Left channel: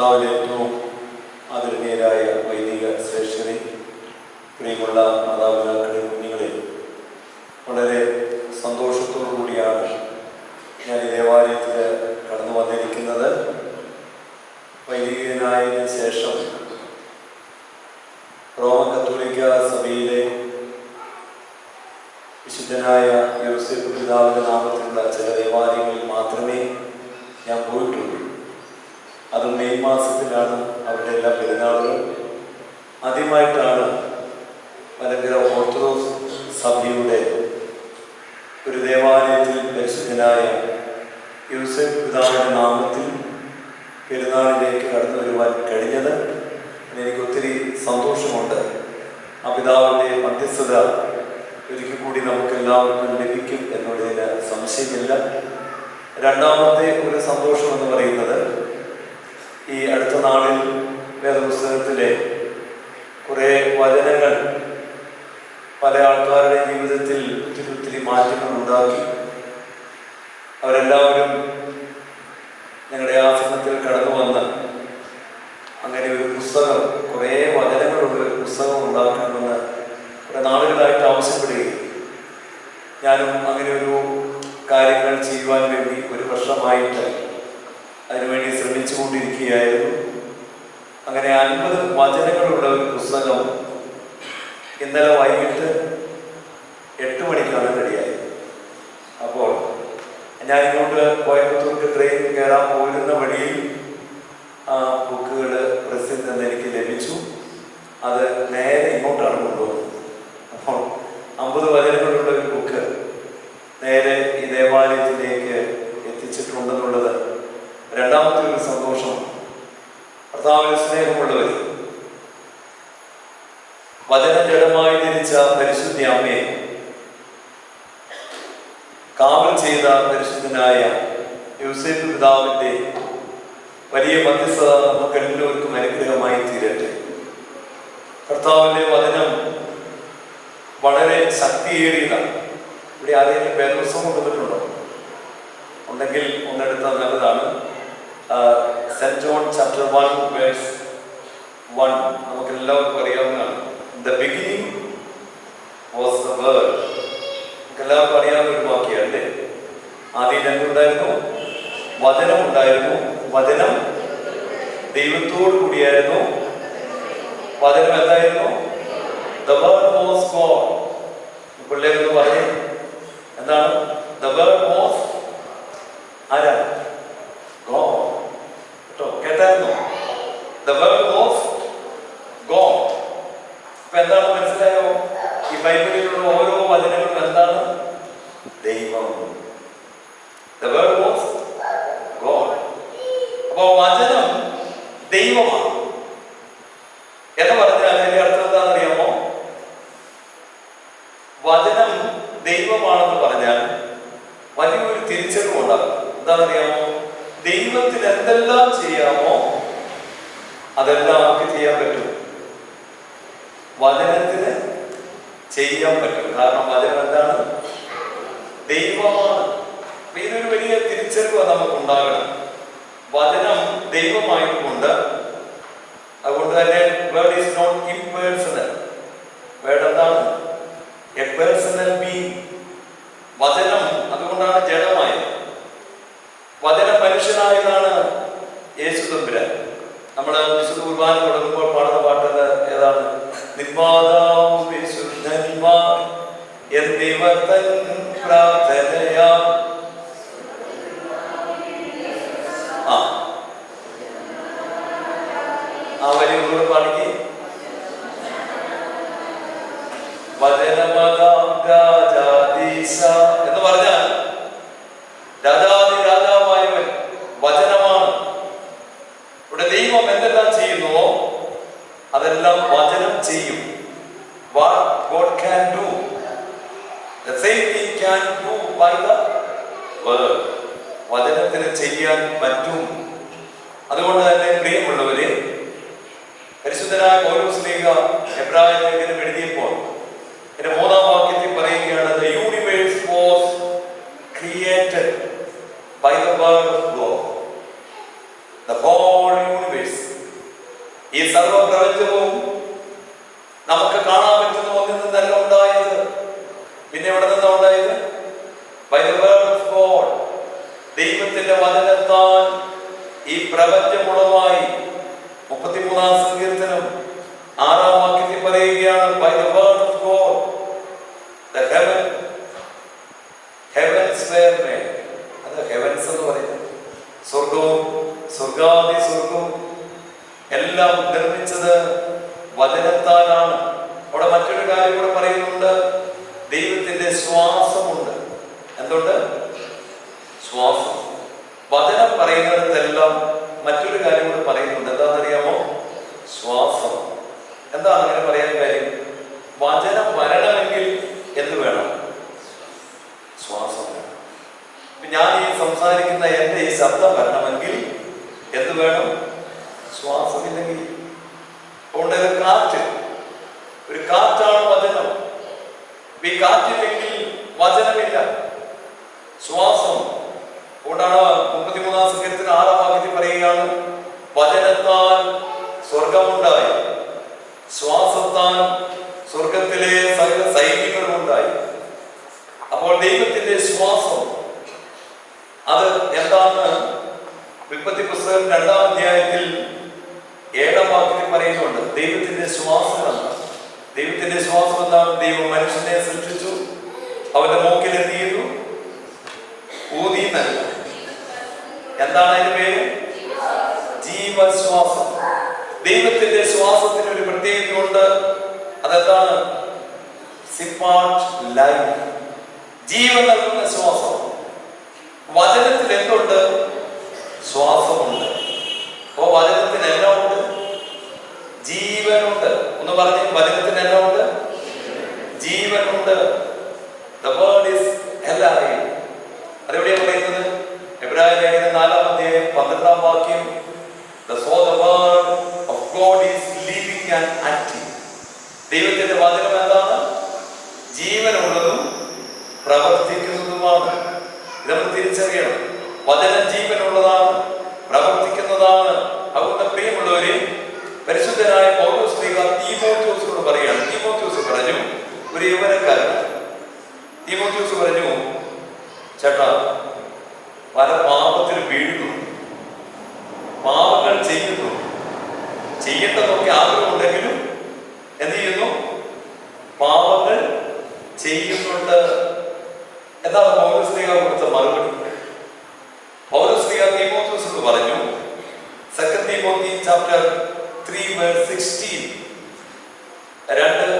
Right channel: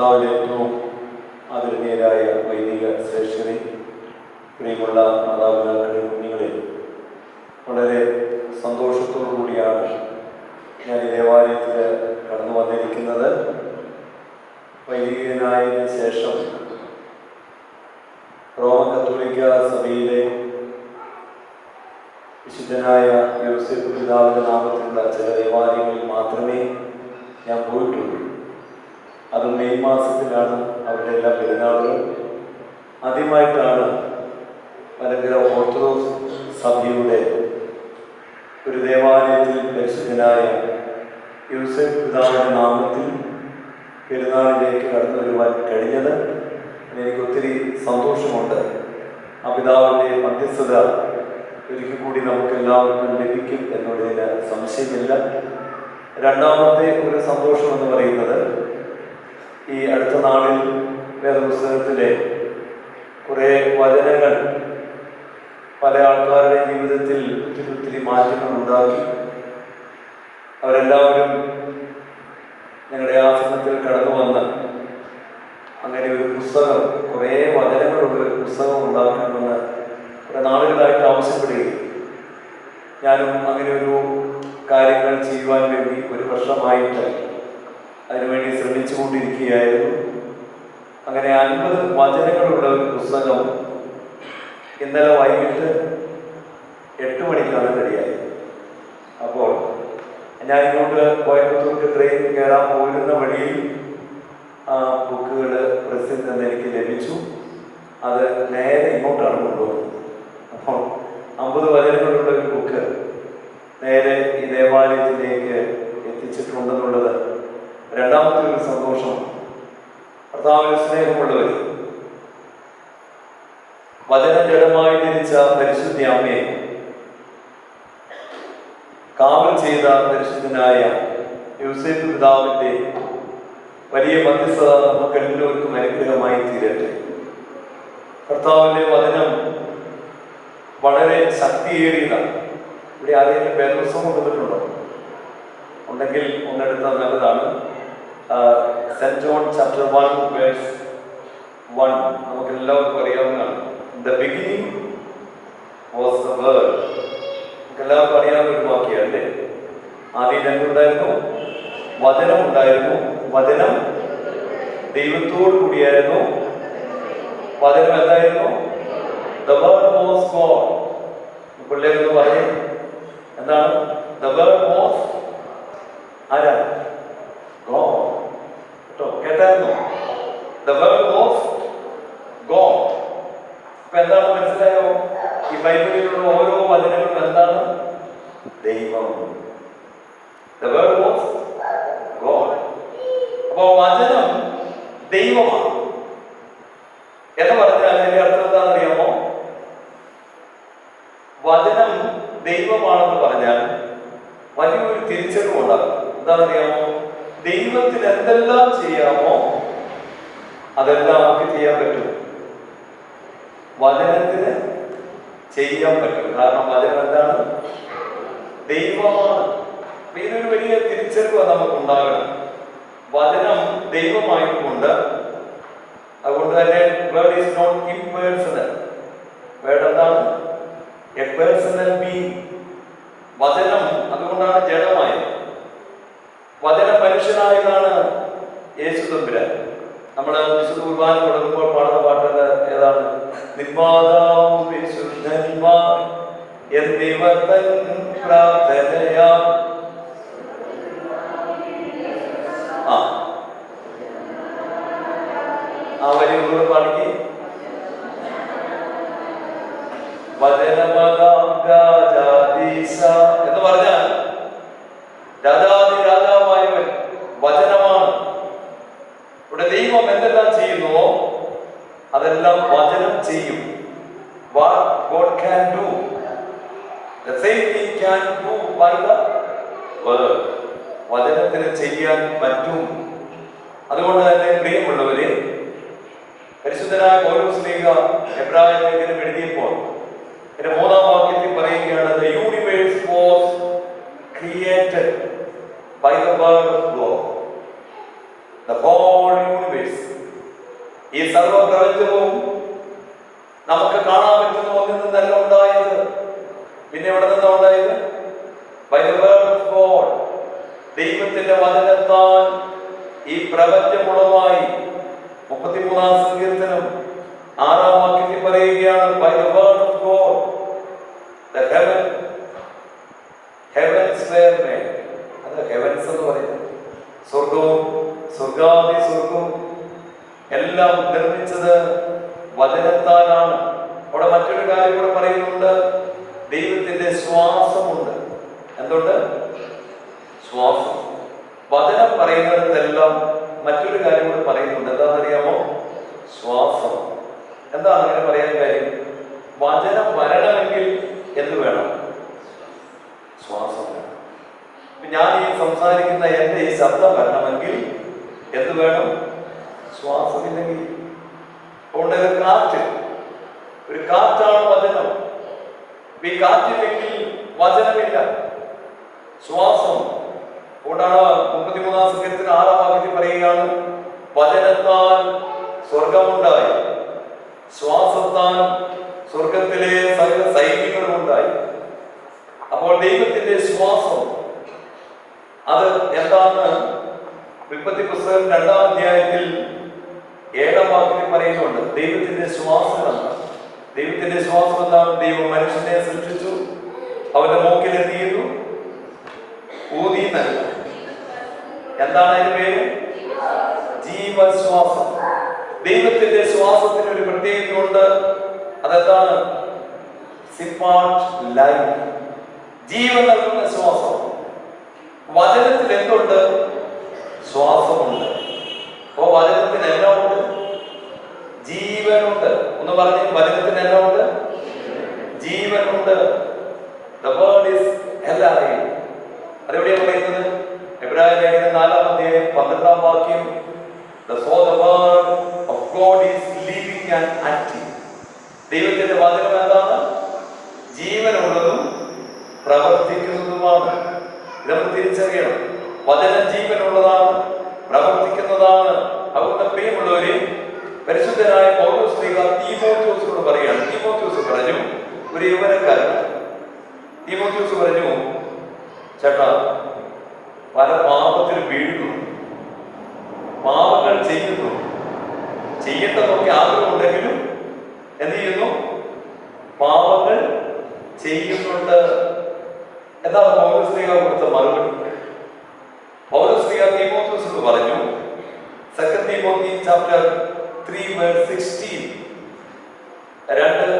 കർത്താവിലെ ഏറ്റവും ആദരണീയരായ വൈദിക ശ്രേഷ്ഠരെ, പ്രിയമുള്ള മാതാപിതാക്കളെ, കുഞ്ഞുങ്ങളെ, വളരെ സന്തോഷത്തോടു കൂടിയാണ് ഞാൻ ഈ ദേവാലയത്തിൽ കടന്നു വന്നിരിക്കുന്നത്. വൈദികനായതിനു ശേഷം റോമൻ കത്തോലിക്ക സഭയിലെ വിശുദ്ധനായ യോസേപ്പ് പിതാവിന്റെ നാമത്തിലുള്ള ചില ദേവാലയങ്ങളിൽ മാത്രമേ ഞാൻ പോയിട്ടുള്ളൂ. അത് മെയ് മാസത്തിലാണ് അവരുടെ എല്ലാ പെരുന്നാളുകളും. ആദ്യമായിട്ടാണ് മലങ്കര ഓർത്തഡോക്സ് സഭയുടെ ഒരു ദേവാലയത്തിൽ പരിശുദ്ധനായ യോസേപ്പ് പിതാവിന്റെ നാമത്തിൽ പെരുന്നാളിലേക്ക് കടന്നു വരുവാൻ കഴിഞ്ഞത്. എനിക്ക് ഒത്തിരി സന്തോഷമുണ്ട്. ആ പിതാവിൻ്റെ മധ്യസ്ഥത ഒരിക്കൽ കൂടി നമുക്ക് എല്ലാവർക്കും ലഭിക്കും എന്നുള്ളതിന് സംശയമില്ല. രണ്ടാമത്തെ ഒരു സന്തോഷം എന്ന് പറയുന്നത്, ഈ അടുത്ത നാളിൽ വേദപുസ്തകത്തിലെ കുറേ വചനങ്ങൾ പല ആൾക്കാരുടെ ജീവിതത്തിൽ ഒത്തിരി മാറ്റങ്ങൾ ഉണ്ടാക്കി. അവരെല്ലാവരും ഞങ്ങളുടെ ആശ്രമത്തിൽ കടന്നു വന്ന് അങ്ങനെ ഒരു പുസ്തകം, കുറേ വചനങ്ങളുള്ള ഒരു പുസ്തകം ഉണ്ടാക്കണമെന്ന് കുറേ നാളുകളായിട്ട് ആവശ്യപ്പെടുകയും ഞാനും അങ്ങനെ ഒരു കാര്യങ്ങൾ ചെയ്യുവാൻ വേണ്ടി ഒരു വർഷമായിട്ട് അതിനുവേണ്ടി ശ്രമിച്ചുകൊണ്ടിരിക്കുകയായിരുന്നു. അങ്ങനെ 50 വചനങ്ങളുള്ള ഒരു പുസ്തകം ഇന്നലെ വൈകിട്ട് 8 മണിക്കാണ് റെഡിയായത്. അപ്പോൾ ഞാൻ ഇങ്ങോട്ട് കോയമ്പത്തൂർക്ക് ട്രെയിൻ കയറാൻ പോരുന്ന വഴിയിൽ ആ ബുക്കുകൾ പ്രസിൽ നിന്ന് എനിക്ക് ലഭിച്ചു. അത് നേരെ ഇങ്ങോട്ടാണ് കൊണ്ടുപോകുന്നത്. അപ്പോൾ 50 വചനങ്ങളുള്ള ഒരു ബുക്ക് നേരെ ഈ ദേവാലയത്തിലേക്ക് എത്തിച്ചിട്ടുണ്ടെന്നുള്ളത് രണ്ടാമത്തെ ഒരു സന്തോഷം. കർത്താവിന് സ്നേഹമുള്ളവർ, വചനം ജഡമായി ധരിച്ച പരിശുദ്ധ അമ്മയെ കാവൽ ചെയ്ത പരിശുദ്ധനായ യോസേപ്പ് പിതാവിന്റെ വലിയ മധ്യസ്ഥത നമുക്ക് എല്ലാവർക്കും അനുഗ്രഹമായി തീരട്ടെ. കർത്താവിന്റെ വചനം വളരെ ശക്തിയേറിയതാണ്. ഇവിടെ ആരെങ്കിലും വേദപുസ്തകം കൊണ്ടുവന്നിട്ടുണ്ടോ? ഉണ്ടെങ്കിൽ ഒന്നെടുത്താൽ നല്ലതാണ്. സെന്റ് ജോൺ ചാപ്റ്റർ 1 വേഴ്സ് 1 നമുക്ക് എല്ലാവർക്കും അറിയാവുന്നതാണ്. The beginning was the word. നമുക്ക് എല്ലാവർക്കും അറിയാവുന്ന ഒരു വാക്യം അല്ലേ? ആദ്യം എന്തുണ്ടായിരുന്നു? വചനം ഉണ്ടായിരുന്നു. വചനം ദൈവത്തോടു കൂടിയായിരുന്നു. വചനം എന്തായിരുന്നു? The word was God. പിള്ളേരൊന്ന് പറയേ, എന്താണ്? The word was ആരാ? God. കേട്ടോ, കേട്ടായിരുന്നു? The word was God. അപ്പൊ എന്താണ് മനസ്സിലായോ? ഈ ബൈബിളിലുള്ള ഓരോ വചനങ്ങളും എന്താണ്? ദൈവം. The word was God. അപ്പൊ വചനം ദൈവമാണ് എന്ന് പറഞ്ഞാൽ അതിന്റെ അർത്ഥം എന്താണെന്ന് അറിയാമോ? വചനം ദൈവമാണെന്ന് പറഞ്ഞാൽ വലിയൊരു തിരിച്ചറിവുണ്ടാകും. എന്താണെന്നറിയാമോ? ദൈവത്തിന് എന്തെല്ലാം ചെയ്യാമോ അതെല്ലാം നമുക്ക് ചെയ്യാൻ പറ്റും. വചനത്തിന് ചെയ്യാൻ പറ്റും. കാരണം വചനം എന്താണ്? ദൈവമാണ്. ഇതൊരു വലിയ തിരിച്ചറിവ് നമുക്ക് ഉണ്ടാകണം. വചനം ദൈവമായതുകൊണ്ട്, അതുകൊണ്ട് തന്നെ word is not impersonal. Word എന്താണ്? A personal being. വചനം അതുകൊണ്ടാണ് ജഡമായത്. വചനം മനുഷ്യനായതാണ് യേശു തമ്പുരാൻ. നമ്മൾ വിശുദ്ധ കുർബാന തുടങ്ങുമ്പോൾ പാടുന്ന പാട്ടത് ഏതാണ്? നിന്മാതാവും വിശുദ്ധന്മാർ എന്നിവർ തൻ പ്രാർത്ഥനയാ. ആ വലിയ ഒന്നുകൂടെ പാടിക്ക്. വചനമതാം രാജാധീശ എന്ന് പറഞ്ഞാൽ രാജാതി രാജാവായവൻ വചനമാണ്. ഇവിടെ ദൈവം എന്തെല്ലാം ചെയ്യുന്നുവോ അതെല്ലാം വചനം ചെയ്യും. What God can do, the same He can do by the word. വചനത്തിന് ചെയ്യാൻ പറ്റും. അതുകൊണ്ട് തന്നെ പ്രിയമുള്ളവരെ, പരിശുദ്ധനായ പൗലോസ്ലീഹ എബ്രായ ലേഖനം എഴുതിയപ്പോൾ ഇതിന്റെ 3-ാം വാക്യത്തിൽ പറയുകയാണ്, the universe was created by the word of God. The whole universe സർവപ്രപഞ്ചവും നമുക്ക് കാണാൻ പറ്റുന്ന ഒന്നിൽ നിന്നല്ല ഉണ്ടായത്. പിന്നെ എവിടെ നിന്നാ ഉണ്ടായത്? By the word of God. ദൈവത്തിന്റെ വചനത്താൽ ഈ പ്രപഞ്ചമുളവായി. 33-ാം സങ്കീർത്തനം 6-ാം വാക്യത്തിൽ പറയുകയാണ്, by the word of God the heavens were made. അത് ഹെവൻസ് എന്ന് പറയുന്നത് സ്വർഗവും സ്വർഗാദി സ്വർഗവും എല്ലാം നിർമ്മിച്ചത് വചനത്താലാണ്. അവിടെ മറ്റൊരു കാര്യം കൂടെ പറയുന്നുണ്ട്, ദൈവത്തിന്റെ ശ്വാസമുണ്ട്. എന്തുണ്ട്? ശ്വാസം. വചനം പറയുന്നിടത്തെല്ലാം മറ്റൊരു കാര്യം കൂടെ പറയുന്നുണ്ട്. എന്താണെന്നറിയാമോ? ശ്വാസം. എന്താണ് അങ്ങനെ പറയാൻ കാര്യം? വചനം വരണമെങ്കിൽ എന്ത് വേണം? ശ്വാസം വേണം. ഞാൻ ഈ സംസാരിക്കുന്ന എന്റെ ഈ ശബ്ദം വരണമെങ്കിൽ എന്ത് വേണം? ശ്വാസമില്ലെങ്കിൽ. അതുകൊണ്ട് കാറ്റ്, ഒരു കാറ്റാണ് വചനം. ഈ കാറ്റില്ലെങ്കിൽ വചനമില്ല, ശ്വാസം. അതുകൊണ്ടാണ് 33-ാം സങ്കീർത്തനം 6-ാം വാക്യത്തിൽ പറയുകയാണ്, വചനത്താൽ സ്വർഗമുണ്ടായി, ശ്വാസത്താൽ സ്വർഗത്തിലെ സകല സൈന്യങ്ങളും ഉണ്ടായി. അപ്പോൾ ദൈവത്തിന്റെ ശ്വാസം അത് എന്താണെന്ന് ഉൽപ്പത്തി പുസ്തകം 2-ാം അധ്യായത്തിൽ 7-ാം വാക്യത്തിൽ പറയുന്നുണ്ട്. ദൈവത്തിന്റെ ശ്വാസം എന്താണ്? ദൈവത്തിന്റെ ശ്വാസം എന്താണ്? ദൈവം മനുഷ്യനെ സൃഷ്ടിച്ചു, അവന്റെ മൂക്കിൽ എന്ത് ചെയ്തു? ഊതി നൽകി. എന്താണ് അതിന്റെ പേര്? ജീവശ്വാസം. ദൈവത്തിന്റെ ശ്വാസത്തിന് ഒരു പ്രത്യേകതയുണ്ട്. അതെന്താണ്? സിപ്പാർട്ട് ലൈഫ്, ജീവൻ നൽകുന്ന ശ്വാസം. വചനത്തിൽ എന്തുണ്ട്? ശ്വാസമുണ്ട്. അപ്പോ വചനത്തിന് എല്ലാം ഉണ്ട്, ജീവനുണ്ട്. ഒന്ന് പറഞ്ഞ്, വചനത്തിന് എല്ലാം ഉണ്ട്, ജീവനുണ്ട്. The word is alive. അതെവിടെയാണ് പറയുന്നത്? എബ്രായ ലേഖനം 4-ാം അധ്യായം 12-ാം വാക്യം. The word of God is living and active. ദൈവത്തിന്റെ വചനം എന്താണ്? ജീവനുള്ളതും പ്രവർത്തിക്കുന്നതുമാണ്. ഇത് നമ്മൾ തിരിച്ചറിയണം. വചനം ജീവനുള്ളതാണ്, പ്രവർത്തിക്കുന്നതാണ്. അതുകൊണ്ട് പ്രിയമുള്ളവരെ, പരിശുദ്ധനായ പൗലോസ് തീമോഥെയോസിനോട് പറയുകയാണ്. തീമോഥെയോസ് പറഞ്ഞു, ഒരു യൗവനക്കാരൻ തീമോഥെയോസ് പറഞ്ഞു, ചേട്ടാ, പല പാപത്തിലും വീഴുന്നു, പാപങ്ങൾ ചെയ്യുന്നു, ചെയ്യേണ്ടതൊക്കെ ആഗ്രഹമുണ്ടെങ്കിലും എന്ത് ചെയ്യുന്നു? പാപങ്ങൾ ചെയ്യുന്നുണ്ട്. എന്താണ് പൗലോസ് ശ്ലീഹ കൊടുത്ത മറുപടി? പൗലോസ് ശ്ലീഹ തീമോഥെയോസിനോട് പറഞ്ഞു, 2 Timothy chapter 3 verse 16. 2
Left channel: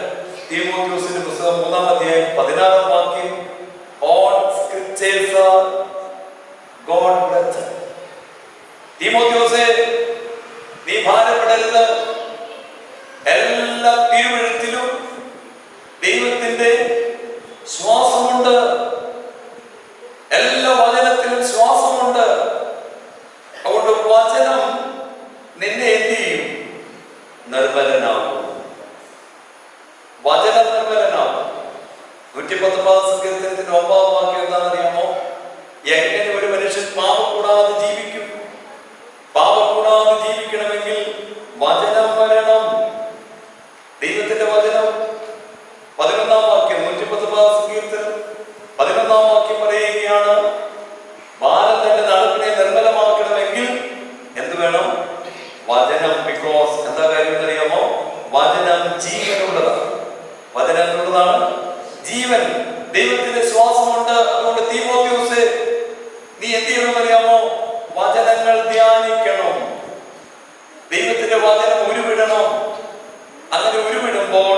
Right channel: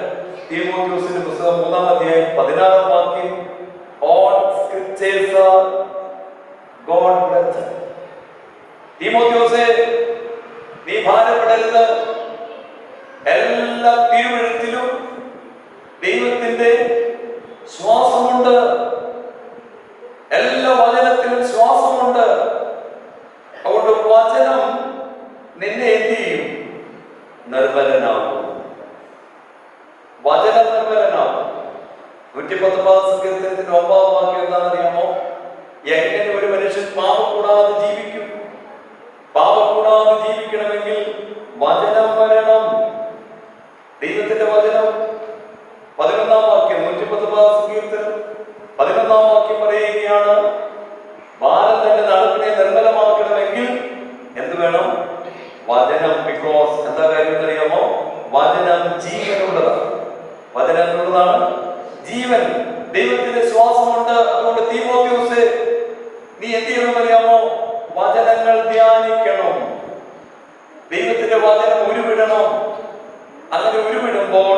തീമോഥെയോസിന്റെ പുസ്തകം 3-ാം അധ്യായം 16-ാം വാക്യം. All scriptures are God breathed. തീമോഥെയോസേ, നീ ഭാരപ്പെടരുത്. എല്ലാ തിരുവെഴുത്തിലും ദൈവത്തിന്റെ ശ്വാസമുണ്ട്, എല്ലാ വചനത്തിലും ശ്വാസമുണ്ട്. അതുകൊണ്ട് വചനം നിന്നെ എന്ത് ചെയ്യും? നിർമ്മലനാകും. വചനം നിർമ്മലനാകും. 119-ാം സങ്കീർത്തനത്തിന്റെ 9-ാം വാക്യം എന്താണെന്നറിയാമോ? എങ്ങനെ ഒരു മനുഷ്യൻ പാപം കൂടാതെ ജീവിക്കും? പാപം കൂടാതെ ജീവിക്കണമെങ്കിൽ വചനം വരണം, ദൈവത്തിന്റെ വചനം. 11-ാം വാക്യം, 119-ാം സങ്കീർത്തനം 11-ാം വാക്യം പറയുകയാണ്, ബാലൻ തന്റെ നടപ്പിനെ നിർമ്മലമാക്കണമെങ്കിൽ എന്ത് വേണം? വചനം. ബിക്കോസ് എന്താ കാര്യം എന്നറിയാമോ? വചനം ജീവനുള്ളതാണ്. വചനം എന്നുള്ളതാണ് ജീവൻ. ദൈവത്തിന്റെ ശ്വാസമുണ്ട്. അതുകൊണ്ട് തീമോഥെയോസേ, നീ എന്ത് ചെയ്യണമെന്നറിയാമോ? വചനങ്ങൾ ധ്യാനിക്കണം. ദൈവത്തിന്റെ വചനം ഉരുവിടണം. അങ്ങനെ ഉരുവിടുമ്പോൾ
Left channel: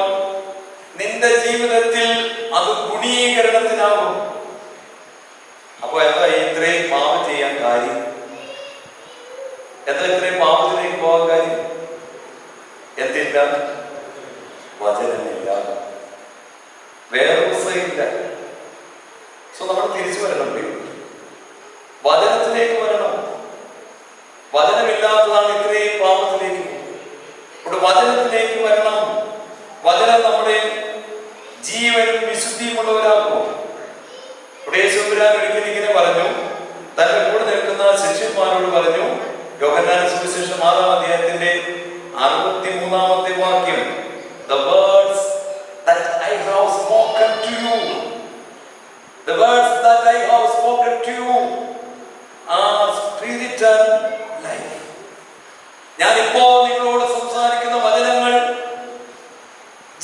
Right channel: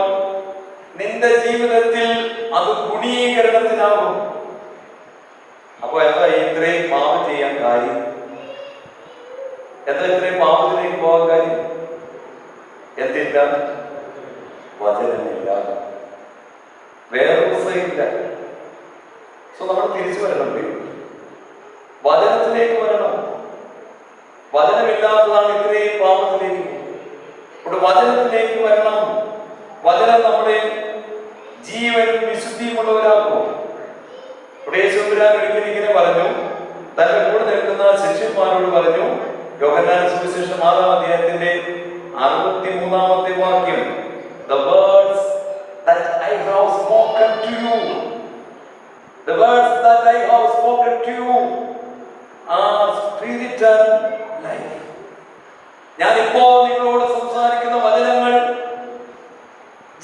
നിന്റെ ജീവിതത്തിൽ അത് ഗുണീകരണത്തിനാകും. അപ്പൊ എന്താ ഇത്രയും പാപം ചെയ്യാൻ കാര്യം? എന്താ ഇത്രയും പാപത്തിലേക്ക് പോകാൻ കാര്യം? എന്തില്ല? വചനമില്ല, വേറൊന്നില്ല. സോ നമ്മൾ തിരിച്ചു വരണം, വചനത്തിലേക്ക് വരണം. വചനമില്ലാത്തതാണ് ഇത്രയും പാപത്തിലേക്ക്. ഇവിടെ വചനത്തിലേക്ക് വരണം. വചനം നമ്മുടെ ജീവനും വിശുദ്ധിയുമുള്ളവരാക്കും. ഇവിടെ യേശുപുരാൻ ഒരിക്കലും ഇങ്ങനെ പറഞ്ഞു, തന്റെ കൂടെ നിൽക്കുന്ന ശിഷ്യന്മാരോട് പറഞ്ഞു, യോഹന്നാന്റെ സുവിശേഷം 6-ാം അധ്യായത്തിന്റെ 63-ാമത്തെ വാക്യം, the words that I have spoken to you, the words that I have spoken to you are spirit and life. ഞാനിപ്പോ നിങ്ങളോട് സംസാരിക്കുന്ന വചനങ്ങൾ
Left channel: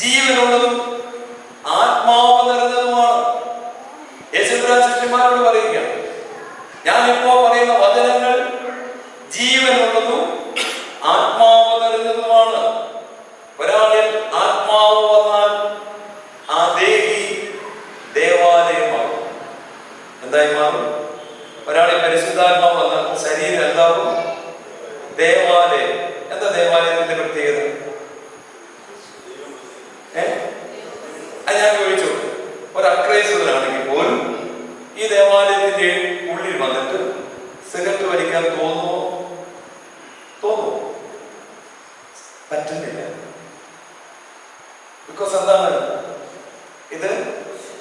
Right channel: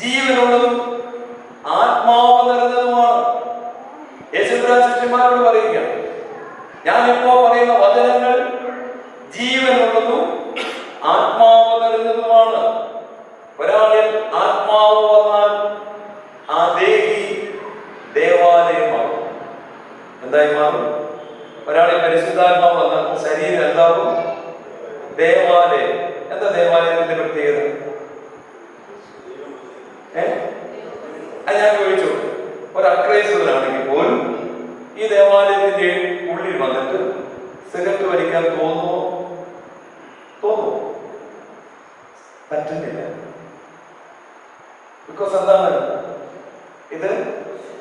ജീവനുള്ളതും ആത്മാവ് നിറഞ്ഞതുമാണ്. യേശുക്രിസ്തു ശിഷ്യന്മാരോട് പറയുക, ഞാനിപ്പോ പറയുന്ന വചനങ്ങൾ ജീവനുള്ളതും ആത്മാവ് നിറഞ്ഞതുമാണ്. ഒരാളിൽ ആത്മാവ് വന്നാൽ ആ ദേഹി ദേവാലയമാകും. എന്തായി മാറും? ഒരാളിൽ പരിശുദ്ധാത്മാവ് വന്നാൽ ശരീരം എന്താകും? ദേവാലയം. എന്താ ദേവാലയത്തിന്റെ പ്രത്യേകത? ഞാൻ ചോദിച്ചു, ഒരു അക്രൈസ്തവനാണെങ്കിൽ പോലും ഈ ദേവാലയത്തിന്റെ ഉള്ളിൽ വന്നിട്ട് സിഗരറ്റ് വലിക്കാൻ തോന്നുമോ? പറ്റുന്നില്ല. ബിക്കോസ് എന്താണ്? ഇത്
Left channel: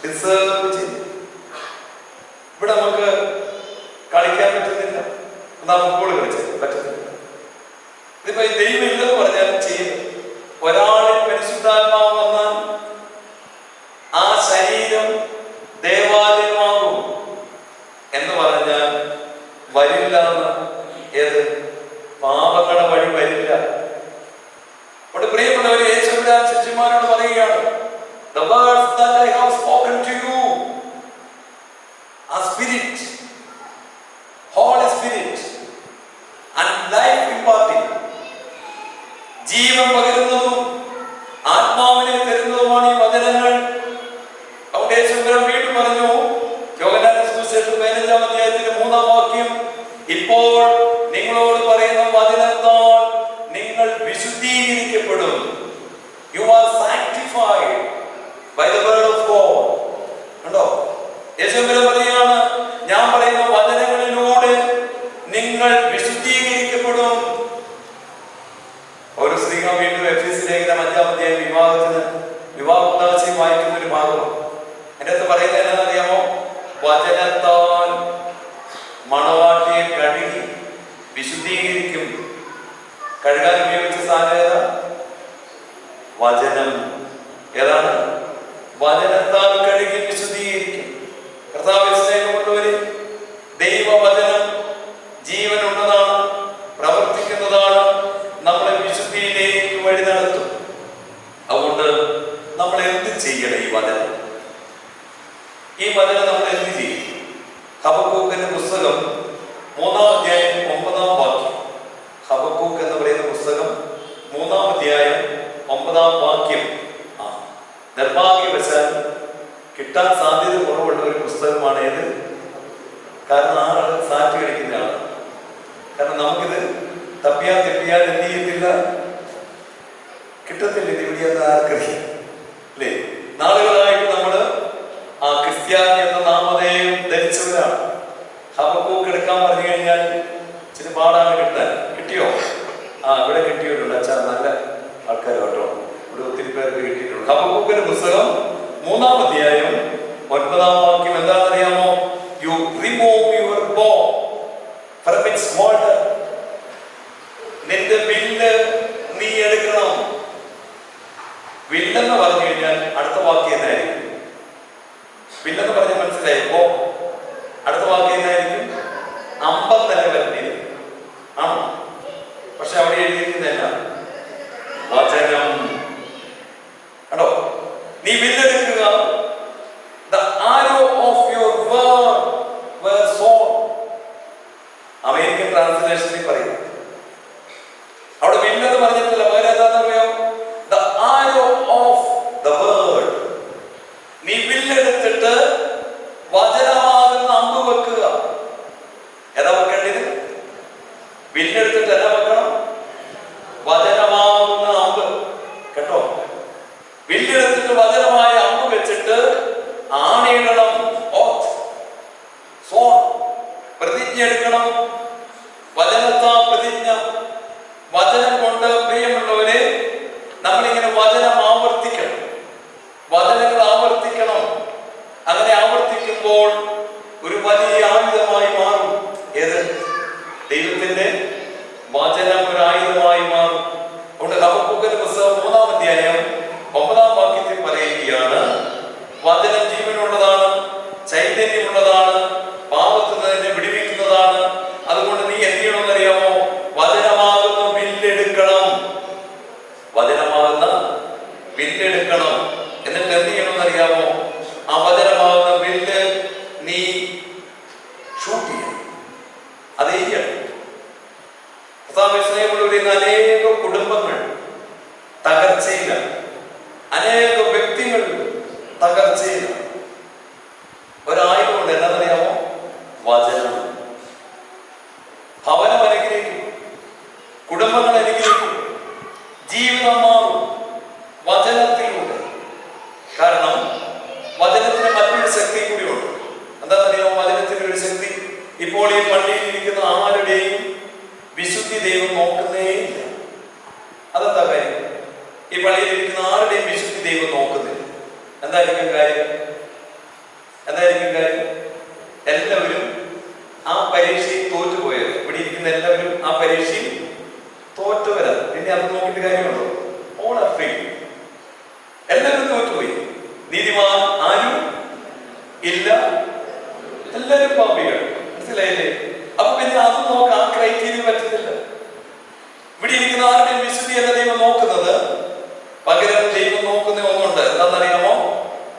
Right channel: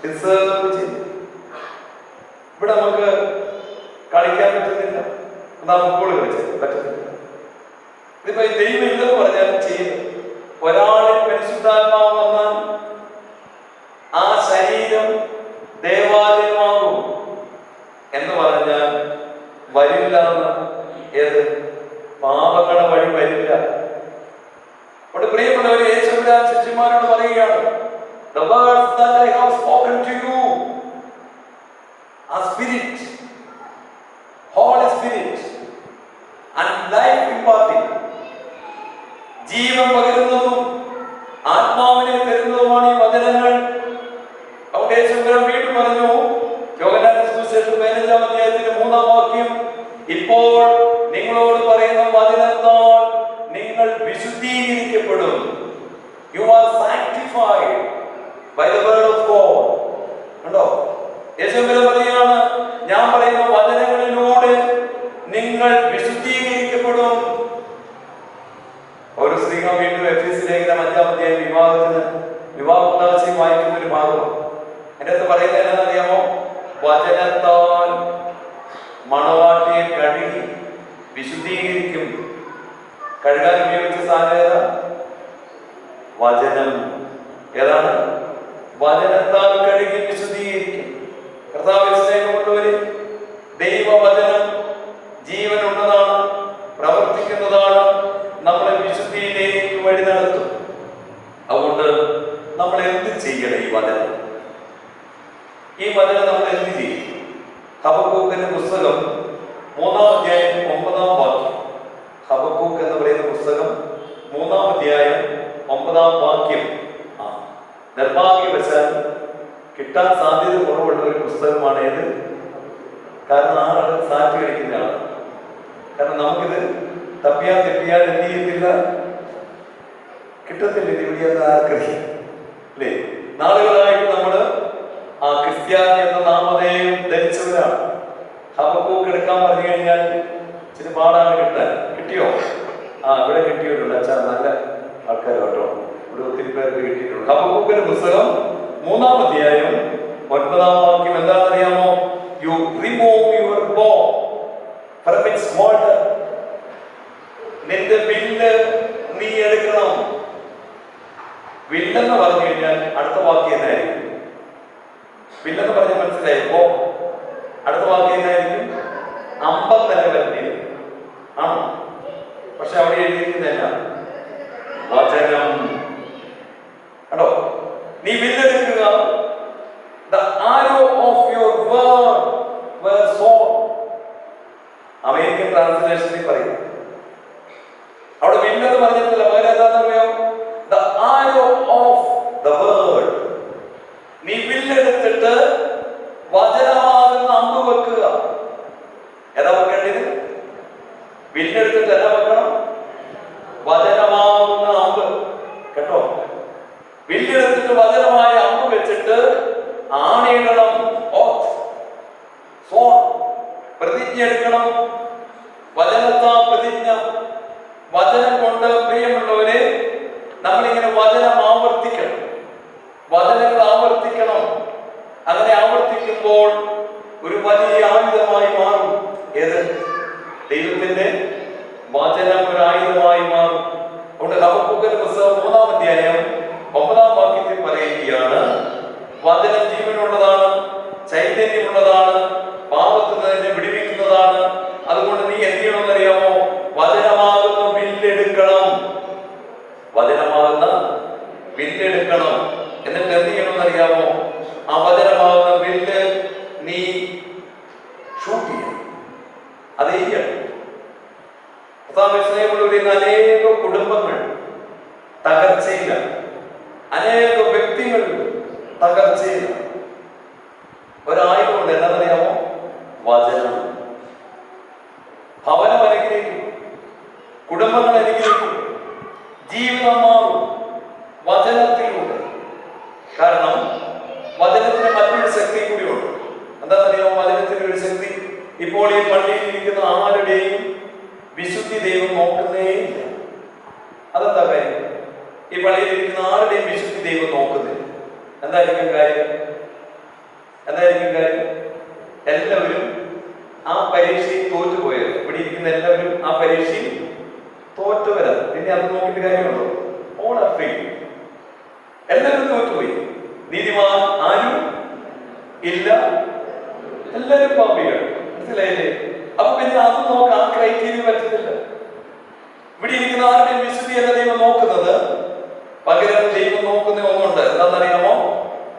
ഡിസേർവ് ചെയ്തു. ഇവിടെ നമുക്ക് കളിക്കാൻ പറ്റുന്നില്ല, എന്നാ ഫുട്ബോൾ കളിച്ചത് പറ്റുന്നില്ല. ഇതിപ്പോ ദൈവം ഇല്ലെന്ന് പറഞ്ഞാലും ചെയ്യും. ഒരാളിൽ പരിശുദ്ധാത്മാവ് വന്നാൽ ആ ശരീരം ദേവാലയമാകും എന്ന് പറഞ്ഞാൽ വരില്ല. ഏത് പാപങ്ങളുടെ വഴി വരില്ല. അവിടെ പ്രിയപ്പെട്ടവരെ, യേശുക്രിസ്തു ശിഷ്യന്മാരോട് പറയുകയാണ്, the words that I have spoken to you are spirit, Holy Spirit and life imparting. ജീവൻ പകരുന്നതും ആത്മാവിനെ തരുന്നതുമാണ് ഈ വചനങ്ങൾ. അവിടെ യേശുക്രിസ്തു വീണ്ടും പറഞ്ഞു, യോഹന്നാന്റെ സുവിശേഷം 15-ാം അധ്യായത്തിന്റെ 3-ാം വാക്യം, ഇപ്പോൾ നിങ്ങളോട് പറയുന്ന വചനത്താൽ നിങ്ങൾ വിശുദ്ധീകരിക്കപ്പെടും. You are sanctified by the word of God. കണ്ടോ? യേശുക്രിസ്തു പറയുകയാണ്, ഞാൻ പറയുന്ന വചനങ്ങളിലൂടെ നിങ്ങൾ വിശുദ്ധീകരിക്കപ്പെടും. ഒരു സ്ത്രീകൾ വീണ്ടും എഫെസ്യ ലേഖനം 5-ാം അധ്യായം വിവാഹ ഉദാശയും വായിക്കുന്ന ഒരു ഭാഗം. എൻ്റെ അടുത്ത് പറയുന്നത് എന്താണെന്നറിയാമോ? വചനത്താൽ മണവാട്ടിയെ കഴുകി വിശുദ്ധീകരിക്കും. കഴുകാൻ ഉപയോഗിച്ച സാധനം ഏതാ? വചനം. ഏതാണ്? വചനത്താൽ കഴുകി വിശുദ്ധീകരിക്കും. കർത്താവിൽ സ്നേഹമുള്ളവരെ, ദൈവവചനം ജീവനുള്ളതാണ്, പ്രവർത്തിക്കുന്നതാണ്, നമ്മളെ വിശുദ്ധിയിലേക്ക് വഴി നടത്തും. അതുകൊണ്ട് നമ്മൾ എന്ത് ചെയ്യണം? ഈ വചനം നമ്മൾ എന്ത് ചെയ്യും? ഹബക്കൂക്കിന്റെ പുസ്തകം 3-ാം അധ്യായം 9-ാം വാക്യം. ഹബക്കൂക്ക് എന്ന് പറയുന്ന പുസ്തകം 3-ാം അധ്യായം 9-ാം വാക്യം. നിർഭാഗ്യവശാൽ കിട്ടാൻ സാധ്യത കുറവുള്ള ഒരു പുസ്തകമാണ് ഇത്. കാരണം ആള് സാറ്റ് കളിക്കുന്നതാണ്. കാരണം നമുക്കിത് തപ്പിയാൽ തെപ്പിയാൽ എന്ത് ചെയ്യത്തില്ല, കിട്ടത്തില്ല. ഇത് എവിടെയാന്ന് ആർക്കറിയാം അല്ലേ? നാളുകളായിട്ട് നമ്മള് ആ ക്രിസ്ത്യാനി എന്ന നാമധേയം ധരിച്ചവരാണ്. ഹബക്കൂക്ക് എടുക്കാൻ പറഞ്ഞു കഴിഞ്ഞാൽ ഇച്ചിരി പാടാണ് കിട്ടാൻ. കിട്ടിയോ? ഇവിടെ കിട്ടിയിട്ടുണ്ട്. അച്ഛാ, നല്ല ആൾക്കാർ കേട്ടോ, ഇവിടെ ഒത്തിരി പേർക്ക് കിട്ടിയിട്ടുണ്ട്. ഹബക്കൂക്കിന്റെ പുസ്തകം 3-ാം അധ്യായം 9-ാം വാക്യം എന്താണെന്നറിയാമോ? You remove your bow from its holder. നിന്റെ വില്ല് നീ എടുക്കണം. വില്ലെന്ന് പറഞ്ഞു കഴിഞ്ഞാൽ അടുത്ത വാക്യം എന്തായിരിക്കും? വില്ലെന്ന് പറഞ്ഞാൽ മനസ്സിലായപ്പോ അടുത്ത വാക്യം എന്തായിരിക്കും? അമ്പത്തല്ല വരുന്നത് ആണോ? പക്ഷെ അവിടെ എഴുതിയിരിക്കുന്നതല്ല, വചനം. കേട്ടോ? നീ വില്ലെടുക്കുക. The arrow of your word were sown. American ട്രാൻസ്ലേഷനിൽ പറയും. അവിടെ വില്ലെന്ന് പറഞ്ഞിട്ടില്ല, പകരം എന്താണെന്നറിയോ? The arrow of the word. നീ വില്ലെടുത്തിട്ട് വചനമാകുന്ന അമ്പ് വെക്കുക. ഏതാ വെക്കേണ്ടത്? വില്ലെടുത്തിട്ട് എന്നാ വെക്കണം? വചനമാകുന്ന അമ്പ്. കേട്ടോ? വില്ലെടുത്തിട്ട് വചനമായ അമ്പ് വെച്ചിട്ട് ആണിയിടണം. പ്രതിജ്ഞ എടുക്കണം. വചനത്താ പ്രതിജ്ഞ. വചനം കൊണ്ട് പ്രിയമുള്ളവരെ, നമ്മളിങ്ങനെ വചനം ആവർത്തിക്കണം. വചനങ്ങൾ ആവർത്തിക്കണം. അങ്ങനെ ആവർത്തിക്കുമ്പോൾ ഒരു വലിയ ആയുധമായി മാറും. ഏത്? ദൈവത്തിന്റെ വചനം ഒരു ആയുധമായി മാറും. അതുകൊണ്ട് അത് ചെയ്യണം. സ്നേഹമുള്ളവരിൽ അനേക കുടുംബങ്ങൾ തകർച്ചയിലാണ്, അനേക വ്യക്തികൾ തകർച്ചയിലാണ്. ഒരായുധമുണ്ട്, എന്താണെന്നറിയാമോ? വചനം. ഭവനം അനുഗ്രഹിക്കും, കുടുംബങ്ങൾ അനുഗ്രഹിക്കും, ജീവിതം മാറും വചനത്തിലൂടെ. കാരണം വചനത്തിന് മറ്റൊരു ശക്തി കൂടിയുണ്ട്. എന്താണെന്നറിയാമോ? വചനത്തിന്റെ ഒരു ശക്തി. ഇപ്പോൾ ഈ പള്ളിയിൽ ഇരിക്കുന്ന ആരുടെയും വിശുദ്ധി ദൈവം നോക്കുന്നേയില്ല. അതെന്താ കാര്യം? ഈ പള്ളിയിൽ ഇരിക്കുന്ന ആരുടെയും വിശുദ്ധി ദൈവം നോക്കുന്നില്ല. എന്തായിരിക്കും കാര്യം? എന്തായിരിക്കും കാര്യം? എല്ലാവരും ആ പരീക്ഷയിൽ തോറ്റുപോയത്. ഇവിടെ ഇരിക്കുന്ന എല്ലാവരും ആ പരീക്ഷയിൽ തോറ്റുവരാം. പിന്നെ അത് നോക്കിയിട്ട് കാര്യമുണ്ടോ? All are free. എല്ലാവരും തോറ്റുപോയി. നീതിമാൻ ആരും ഇല്ല, എല്ലാവരും പാപികൾ. മനസ്സിലായില്ലേ? അപ്പൊ പിന്നെ അത് നോക്കാം, ആ ക്രൈറ്റീരിയ പറ്റത്തില്ല. ഇവിടെ ഇരിക്കുന്ന ആരുടെയും വിശുദ്ധിയല്ല ദൈവം നോക്കുന്നത്. പകരം ദൈവം നോക്കുന്ന ഒന്നുണ്ട്. എന്താണെന്നറിയാമോ?